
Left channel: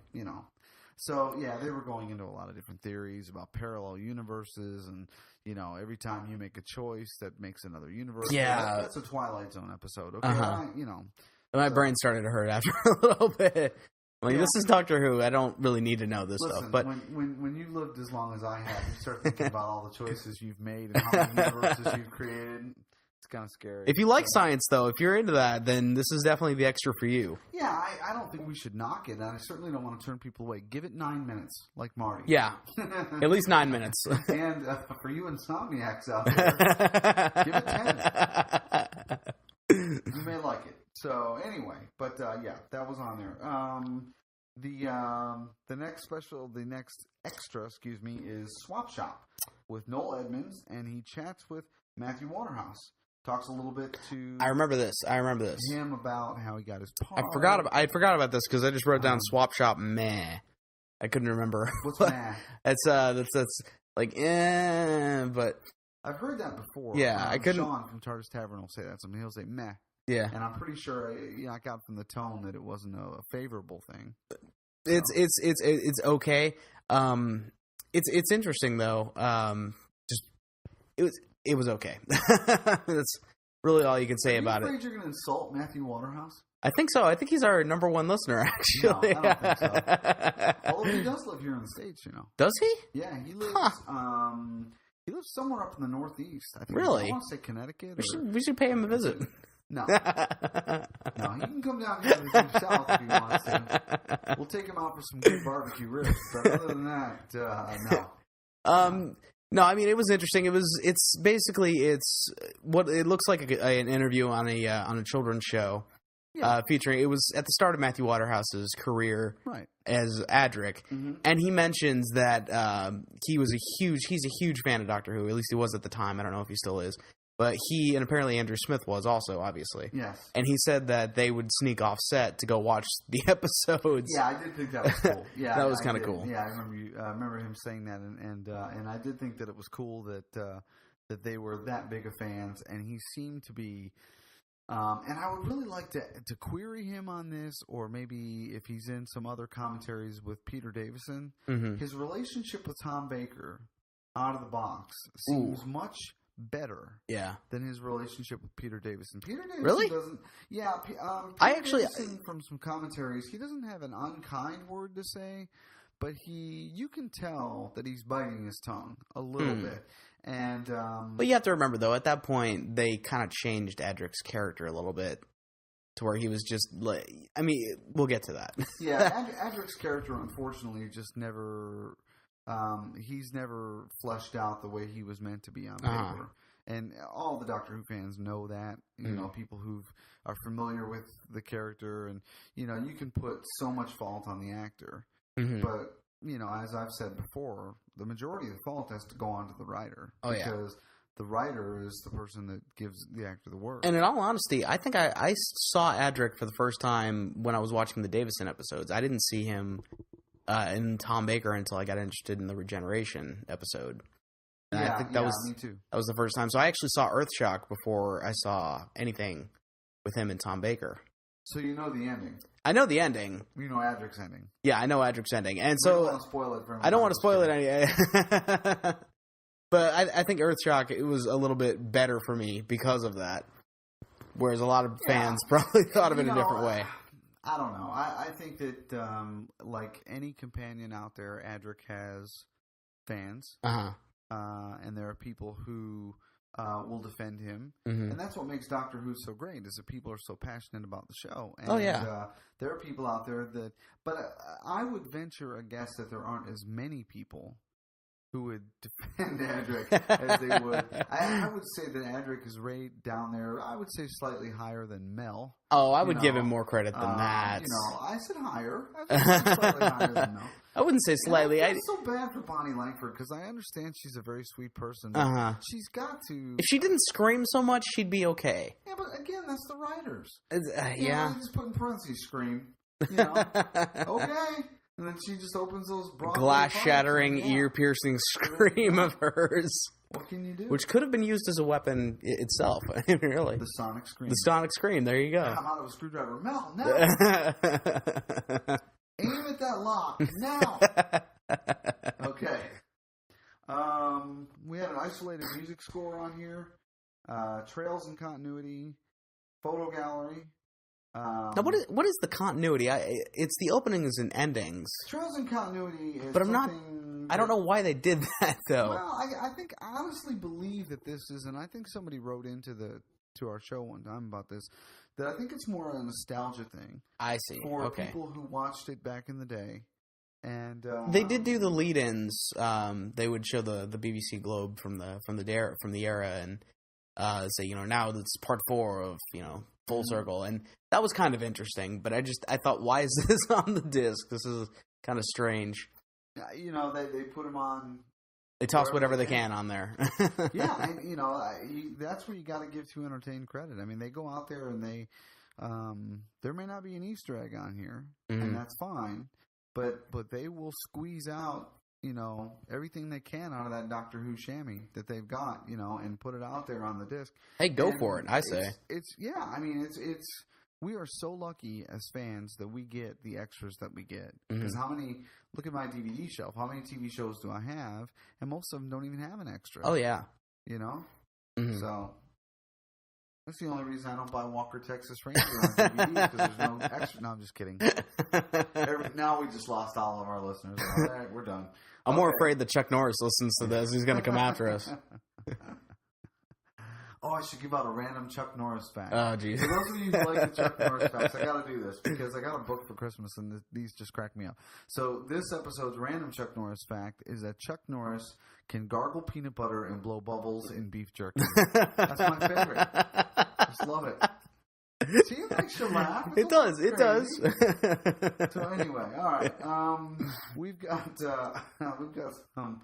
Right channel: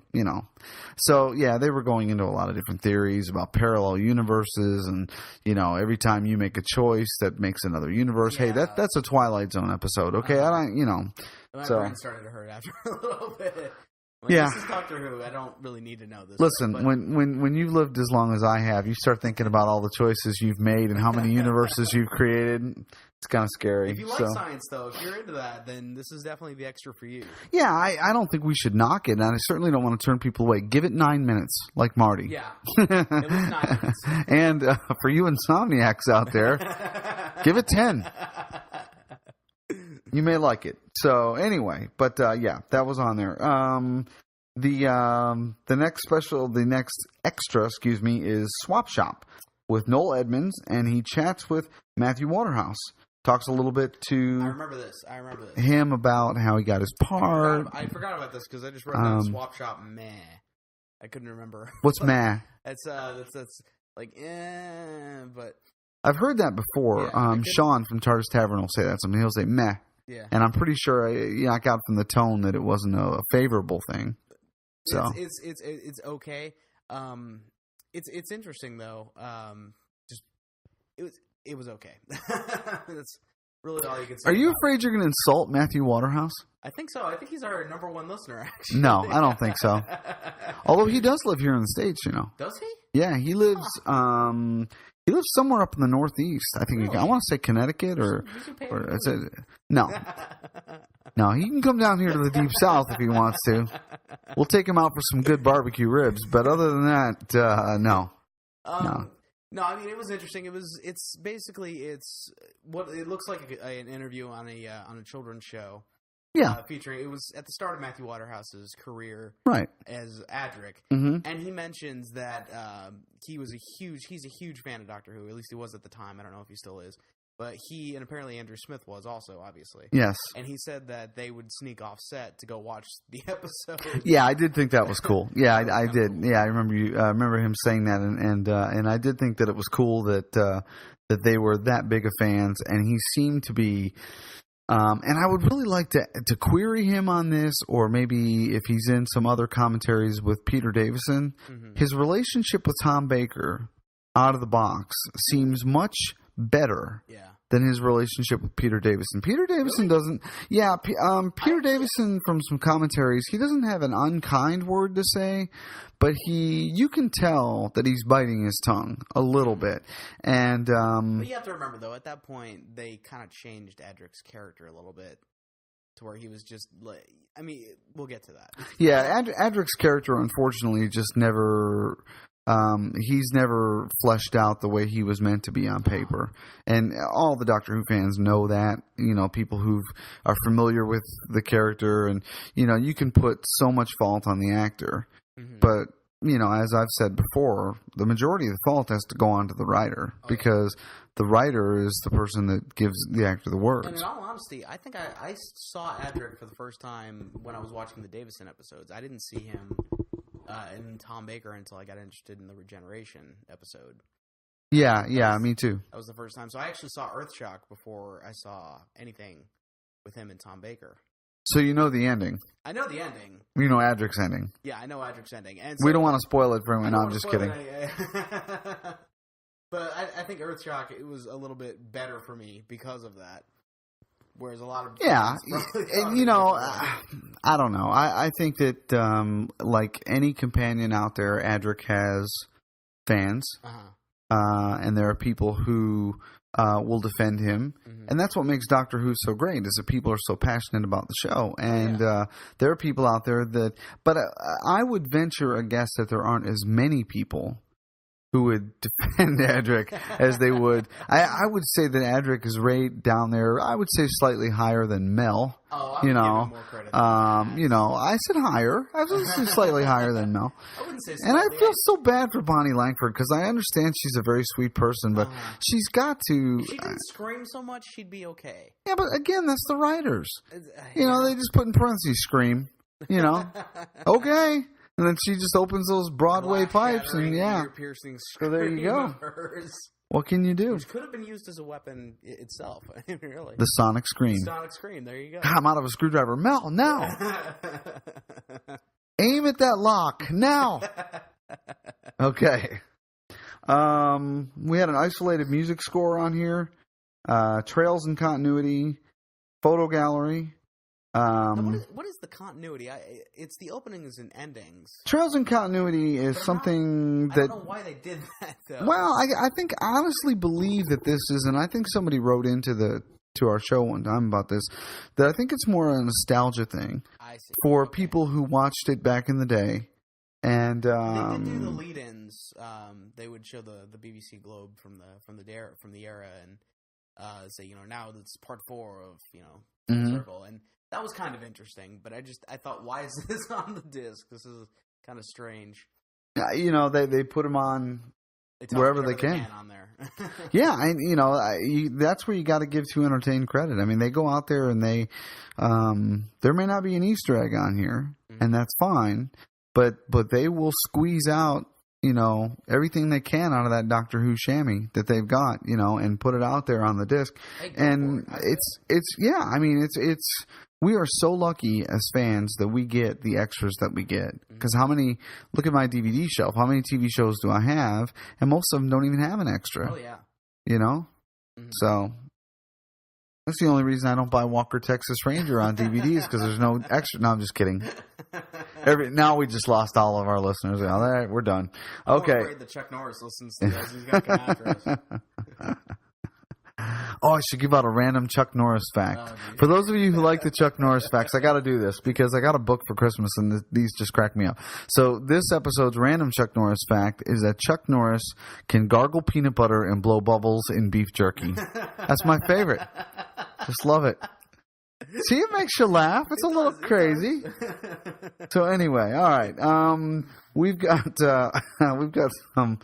So, yeah, they were going into a lot of different theories about parallel universes and, every time you make a choice that makes another universe. Yeah. Hey, that's a Twilight Zone episode. Okay, I don't, My brain started to hurt after a little bit. Like, yeah. This is Doctor Who. I don't really need to know this. Listen, stuff, but when you've lived as long as I have, you start thinking about all the choices you've made and how many universes you've created. It's kind of scary. If you like science, though, if you're into that, then this is definitely the extra for you. Yeah, I don't think we should knock it, and I certainly don't want to turn people away. Give it 9 minutes, like Marty. Yeah, at least 9 minutes. And for you insomniacs out there, give it 10. You may like it. So anyway, but yeah, that was on there. The next extra, is Swap Shop with Noel Edmonds, and he chats with Matthew Waterhouse. Talks a little bit to I remember this. him about how he got his part. I forgot about this because I just wrote down Swap Shop. Meh, I couldn't remember. What's meh? That's like but I've heard that before. Yeah, Sean from Tartar's Tavern will say that. Something he'll say meh. Yeah, and I'm pretty sure I got from the tone that it wasn't a favorable thing. So. It's okay. It's interesting though. It was okay. That's really all you can say. Are you about afraid you're going to insult Matthew Waterhouse? I think so. I think he's our number one listener. Actually, no, I don't think so. Although he does live here in the States, Does he? Yeah, he lives. He lives somewhere up in the Northeast. I think. Really? I want to say Connecticut we should pay him a visit. No, no, he can come down here to the Deep South if he wants to. We'll take him out for some good barbecue ribs. But other than that, no. No, I mean it was interesting. It's what it looks like an interview on a children's show. Yeah, featuring. It was at the start of Matthew Waterhouse's career, right, as Adric, and he mentions that he's a huge fan of Doctor Who. At least he was at the time. I don't know if he still is, but he and apparently Andrew Smith was also, obviously. Yes, and he said that they would sneak off set to go watch the episodes. Yeah, I did think that was cool. Yeah, I did. Cool. Yeah, I remember him saying that, and I did think that it was cool that they were that big of fans, and he seemed to be. And I would really like to query him on this, or maybe if he's in some other commentaries with Peter Davison. His relationship with Tom Baker out of the box seems much better than his relationship with Peter Davison. Peter Davison doesn't. Yeah, Peter Davison from some commentaries, he doesn't have an unkind word to say. But you can tell that he's biting his tongue a little bit. And but you have to remember, though, at that point, they kind of changed Adric's character a little bit to where he was just like, I mean, we'll get to that. Yeah, Adric's character, unfortunately, just never, he's never fleshed out the way he was meant to be on paper. And all the Doctor Who fans know that, people who are familiar with the character. And, you can put so much fault on the actor. But, as I've said before, the majority of the fault has to go on to the writer because the writer is the person that gives the actor the words. And in all honesty, I think I saw Adric for the first time when I was watching the Davison episodes. I didn't see him in Tom Baker until I got interested in the Regeneration episode. Yeah, me too. That was the first time. So I actually saw Earthshock before I saw anything with him and Tom Baker. So you know the ending. I know the ending. You know Adric's ending. Yeah, I know Adric's ending. And so, we don't want to spoil it for anyone. I don't want to spoil it. But I think Earthshock, it was a little bit better for me because of that. Whereas a lot of fans probably thought of it a different way. I don't know. I think that like any companion out there, Adric has fans, and there are people who will defend him, and that's what makes Doctor Who so great. Is that people are so passionate about the show, and there are people out there that. But I would venture a guess that there aren't as many people who would defend Adric as they would. I would say that Adric is right down there. I would say slightly higher than Mel. Oh, I would give him more credit than that. You know, I said higher. I would say slightly higher than Mel. I wouldn't say slightly. And I feel so bad for Bonnie Langford because I understand she's a very sweet person, but she's got to. If she didn't scream so much, she'd be okay. Yeah, but again, that's the writers. You know, they just put in parentheses scream. You know, okay. And then she just opens those Broadway pipes. Glass-shattering, ear-piercing scream of hers. What can you do? Which could have been used as a weapon itself, really. The sonic scream. The sonic scream, there you go. I'm out of a screwdriver. Mel, now! Aim at that lock, now! Okay. We had an isolated music score on here. Trails and continuity. Photo gallery. Now, what is the continuity? It's the openings and endings. Trails and continuity is something I don't know why they did that, though. Well, I think I honestly believe that this is, and I think somebody wrote into our show one time about this, that I think it's more a nostalgia thing. I see. For people who watched it back in the day. And they did do the lead-ins. They would show the BBC Globe from the era and say, you know, now it's part 4 of, you know, Full Circle, and that was kind of interesting. But I thought, why is this on the disc? This is kind of strange. You know, they put them on. They toss whatever they can on there. Yeah, and you know, that's where you got to give To Entertain credit. I mean, they go out there and they there may not be an Easter egg on here, and that's fine. But they will squeeze out, you know, everything they can out of that Doctor Who chamois that they've got, you know, and put it out there on the disc. Hey, go for it, I say. It's we are so lucky as fans that we get the extras that we get. Because look at my DVD shelf, how many TV shows do I have? And most of them don't even have an extra. Oh, yeah. You know? So that's the only reason I don't buy Walker Texas Ranger on DVDs, because there's no extra. No, I'm just kidding. Now we just lost all of our listeners. All right, we're done. I'm more afraid that Chuck Norris listens to this. He's going to come after us. Oh, I should give out a random Chuck Norris fact. Oh, for those of you who like the Chuck Norris facts, I got to do this because I got a book for Christmas and these just crack me up. So this episode's random Chuck Norris fact is that Chuck Norris can gargle peanut butter and blow bubbles in beef jerky. That's my favorite. Just love it. See, it makes you laugh. It's a little crazy. So anyway, all right. We've got some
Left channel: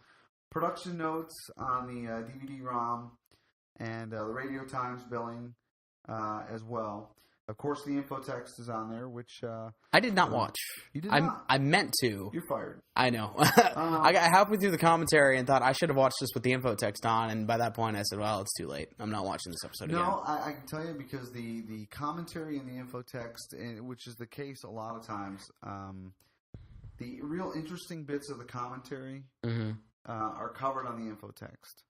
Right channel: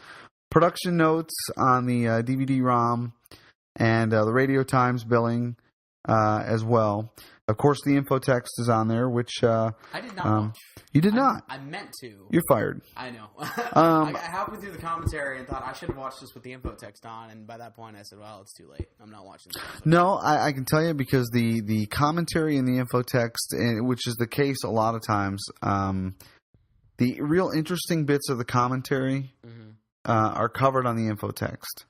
production notes on the DVD-ROM. And the Radio Times billing as well. Of course, the info text is on there, which I did not watch. You did not? I meant to. You're fired. I know. I got halfway through the commentary and thought I should have watched this with the info text on. And by that point, I said, well, it's too late. I'm not watching this episode. No, I can tell you because the commentary and the info text, which is the case a lot of times, the real interesting bits of the commentary are covered on the info text.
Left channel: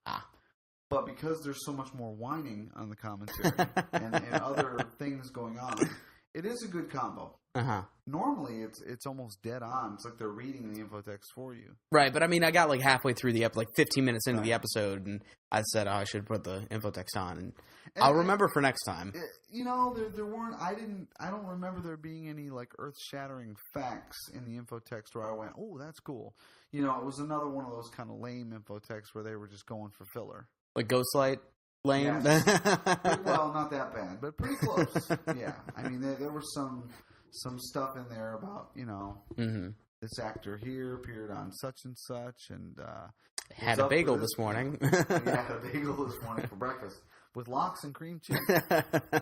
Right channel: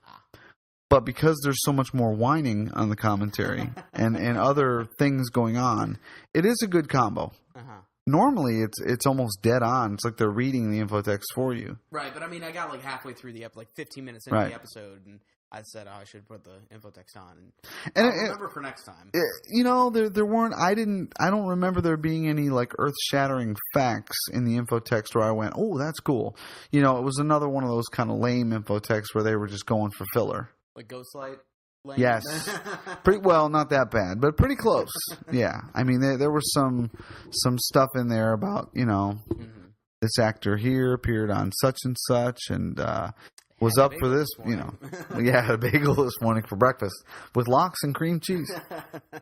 But because there's so much more whining on the commentary and other things going on, it is a good combo. Normally, it's almost dead on. It's like they're reading the infotext for you. Right, but I mean, I got like halfway through the like 15 minutes into the episode, and I said, I should put the infotext on, and I'll remember for next time. You know, there weren't. I don't remember there being any like earth-shattering facts in the infotext where I went, oh, that's cool. You know, it was another one of those kind of lame infotexts where they were just going for filler. Like Ghostlight lane? Yes. Well, not that bad, but pretty close. Yeah. I mean, there was some stuff in there about, you know, this actor here appeared on such and such and was up for this morning. You know. Yeah, had a bagel this morning for breakfast with lox and cream cheese.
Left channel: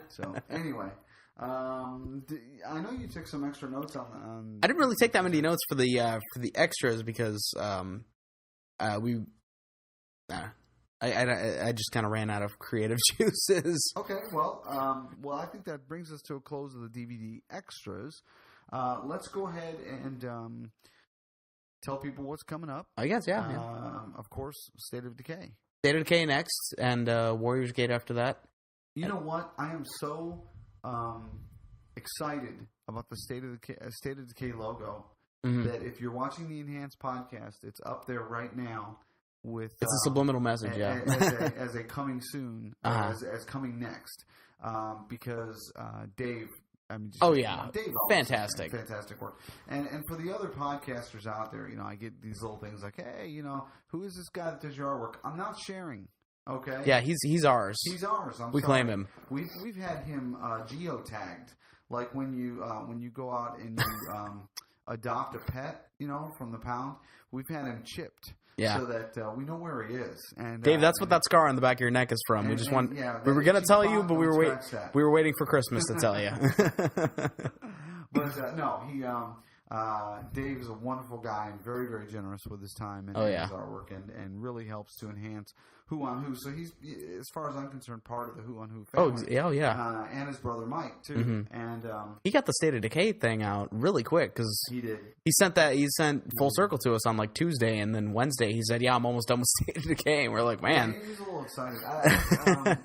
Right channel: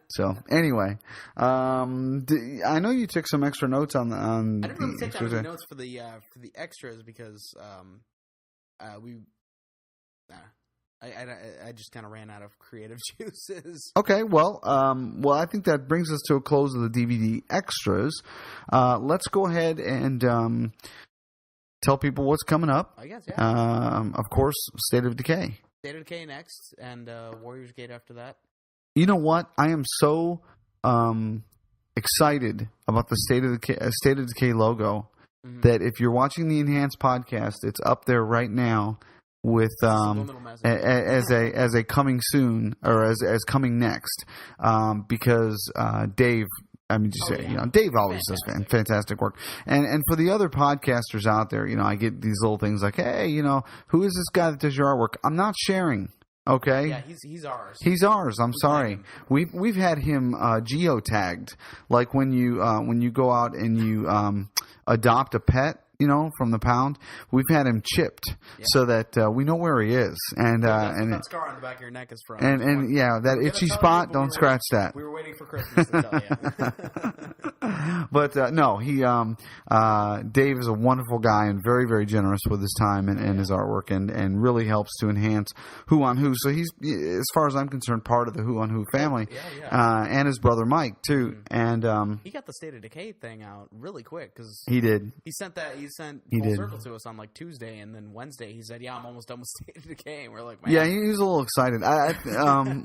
So, anyway, I know you took some extra notes on I didn't really take that many notes for the extras because I just kind of ran out of creative juices. Okay, well, I think that brings us to a close of the DVD extras. Let's go ahead and tell people what's coming up. I guess, yeah. Of course, State of Decay. State of Decay next, and Warriors Gate after that. You know what? I am so excited about the State of Decay logo. That if you're watching the Enhanced podcast, it's up there right now with It's a subliminal message as a coming soon or as coming next, because Dave. I mean, Dave always does fantastic work. And for the other podcasters out there, I get these little things like, hey, who is this guy that does your artwork? I'm not sharing. Okay. Yeah, he's ours. He's ours. I'm sorry. Him. We've had him geotagged, like when you go out and you adopt a pet, from the pound. We've had him chipped so that we know where he is. And Dave, that's what that scar on the back of your neck is from. That itchy spot. Don't scratch that. We were waiting for Christmas to tell you. But no, Dave is a wonderful guy and very, very generous with his time and his artwork, and really helps to enhance Who on Who. So he's, as far as I'm concerned, part of the Who on Who family. And his brother Mike too. And he got the State of Decay thing out really quick because he did. He sent Full Circle to us on like Tuesday, and then Wednesday he said, "Yeah, I'm almost done with State of Decay." And we're like, "Man, yeah." He was a little excited,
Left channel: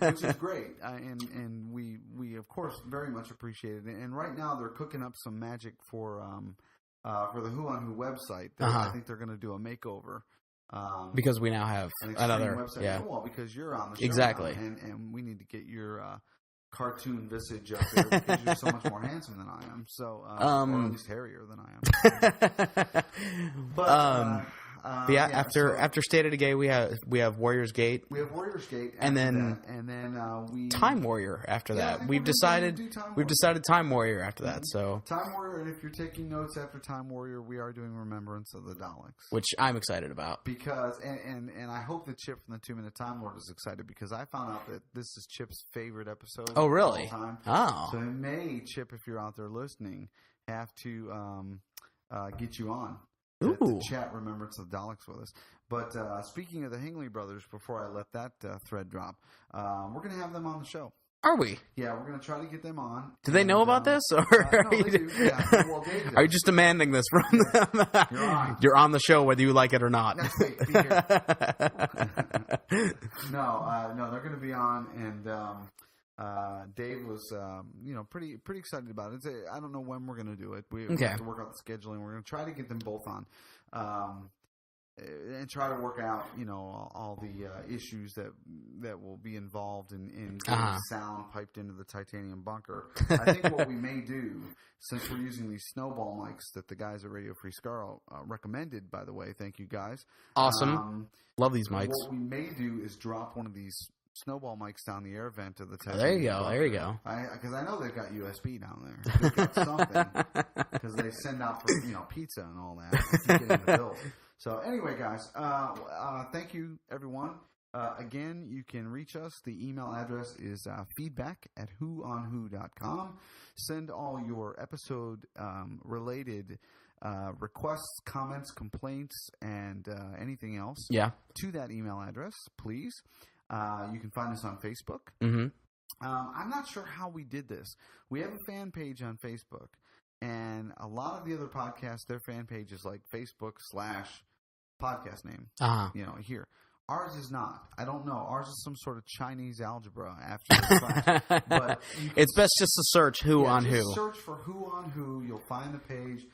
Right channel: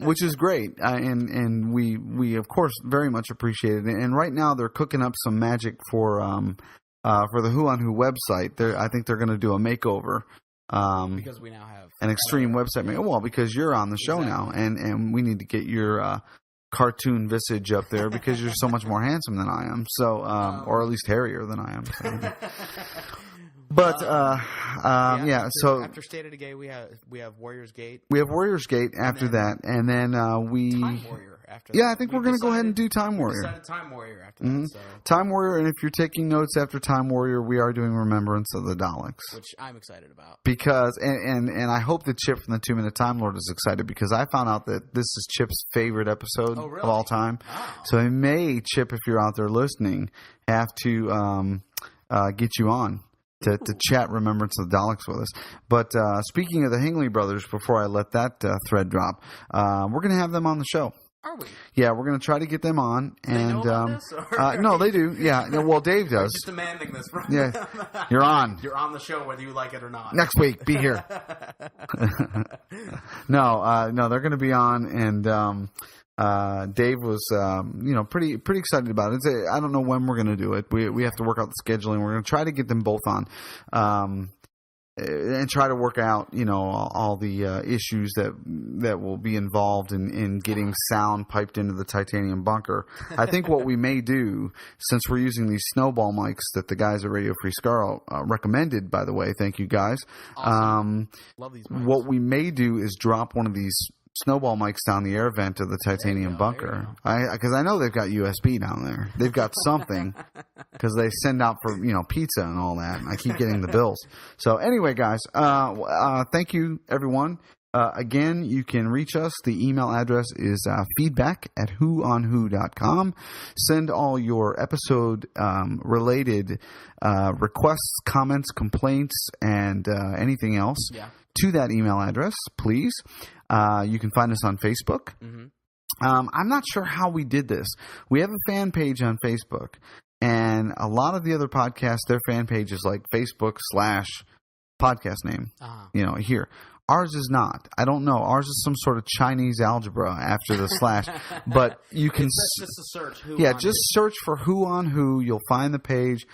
which is great, and we of course very much appreciate it. And right now they're cooking up some magic for the Who on Who website. I think they're going to do a makeover. Because we now have an extreme website. Yeah. Well, because you're on the show now, and we need to get your cartoon visage up there because you're so much more handsome than I am. So, or at least hairier than I am. But after State of Decay, we have Warriors Gate. We have Warriors Gate after that, and then we Time Warrior after that. Yeah, I think we're going to go ahead and do Time Warrior. We decided Time Warrior after that. So Time Warrior, and if you're taking notes after Time Warrior, we are doing Remembrance of the Daleks, which I'm excited about because and I hope that Chip from the 2-Minute Time Lord is excited because I found out that this is Chip's favorite episode. Oh, really? Of all time. Oh. So he may, Chip, if you're out there listening, have to get you on to chat Remembrance of the Daleks with us. But speaking of the Hingley brothers, before I let that thread drop, we're going to have them on the show. Are we? Yeah, we're going to try to get them on. Do they know about this? Or no, they do. Yeah. Well, Dave does. Are you just demanding this from them? You're on. You're on the show whether you like it or not. Next week, be here. No, they're going to be on, and Dave was, pretty excited about it. I don't know when we're going to do it. We have to work out the scheduling. We're going to try to get them both on, and try to work out, all the issues that will be involved in getting sound piped into the titanium bunker. I think what we may do, since we're using these snowball mics that the guys at Radio Free Scar recommended, by the way, thank you guys. Awesome. Love these mics. What we may do is drop one of these snowball mics down the air vent of the titanium bunker. There you go. Because I know they've got USB down there. They've got something because they send out for pizza and all that. I keep getting the bills. So anyway, guys, thank you everyone. Again, you can reach us. The email address is feedback@whoonwho.com. Send all your episode related requests, comments, complaints, and anything else to that email address, please. You can find us on Facebook. Mm-hmm. I'm not sure how we did this. We have a fan page on Facebook, and a lot of the other podcasts, their fan page is like Facebook/podcast name. Here. Ours is not. I don't know. Ours is some sort of Chinese algebra after the slash. But you can. It's best just to search Who on Who. Yeah, just search for Who on Who. You'll find the page.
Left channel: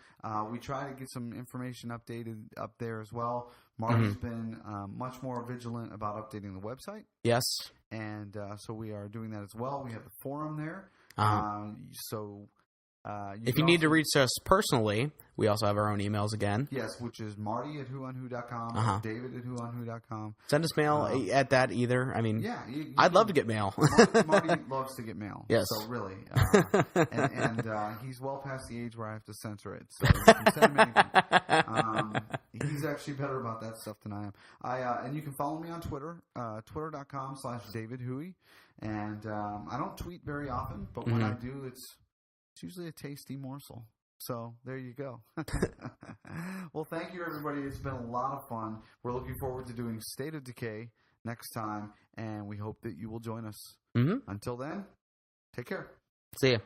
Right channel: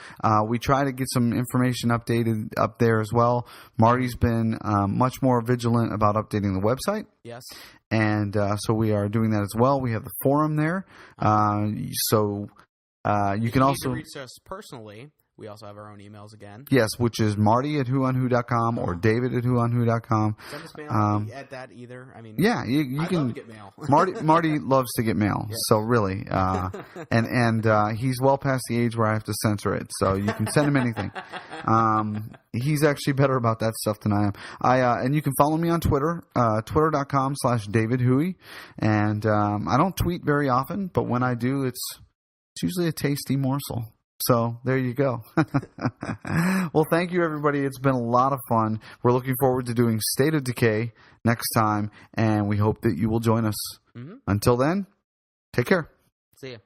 We try to get some information updated up there as well. Marty's been much more vigilant about updating the website. Yes. And so we are doing that as well. We have the forum there. So you can also need to reach us personally. We also have our own emails again. Yes, which is Marty at whoonwho.com or David at whoonwho.com. Send us mail at that either. I mean, yeah, I'd love to get mail. Marty loves to get mail. Yes. So really, and he's well past the age where I have to censor it. So you can send him anything. He's actually better about that stuff than I am. And you can follow me on Twitter, twitter.com/DavidHuey. And I don't tweet very often, but when I do, it's usually a tasty morsel. So there you go. Well, thank you, everybody. It's been a lot of fun. We're looking forward to doing State of Decay next time, and we hope that you will join us. Until then, take care. See ya.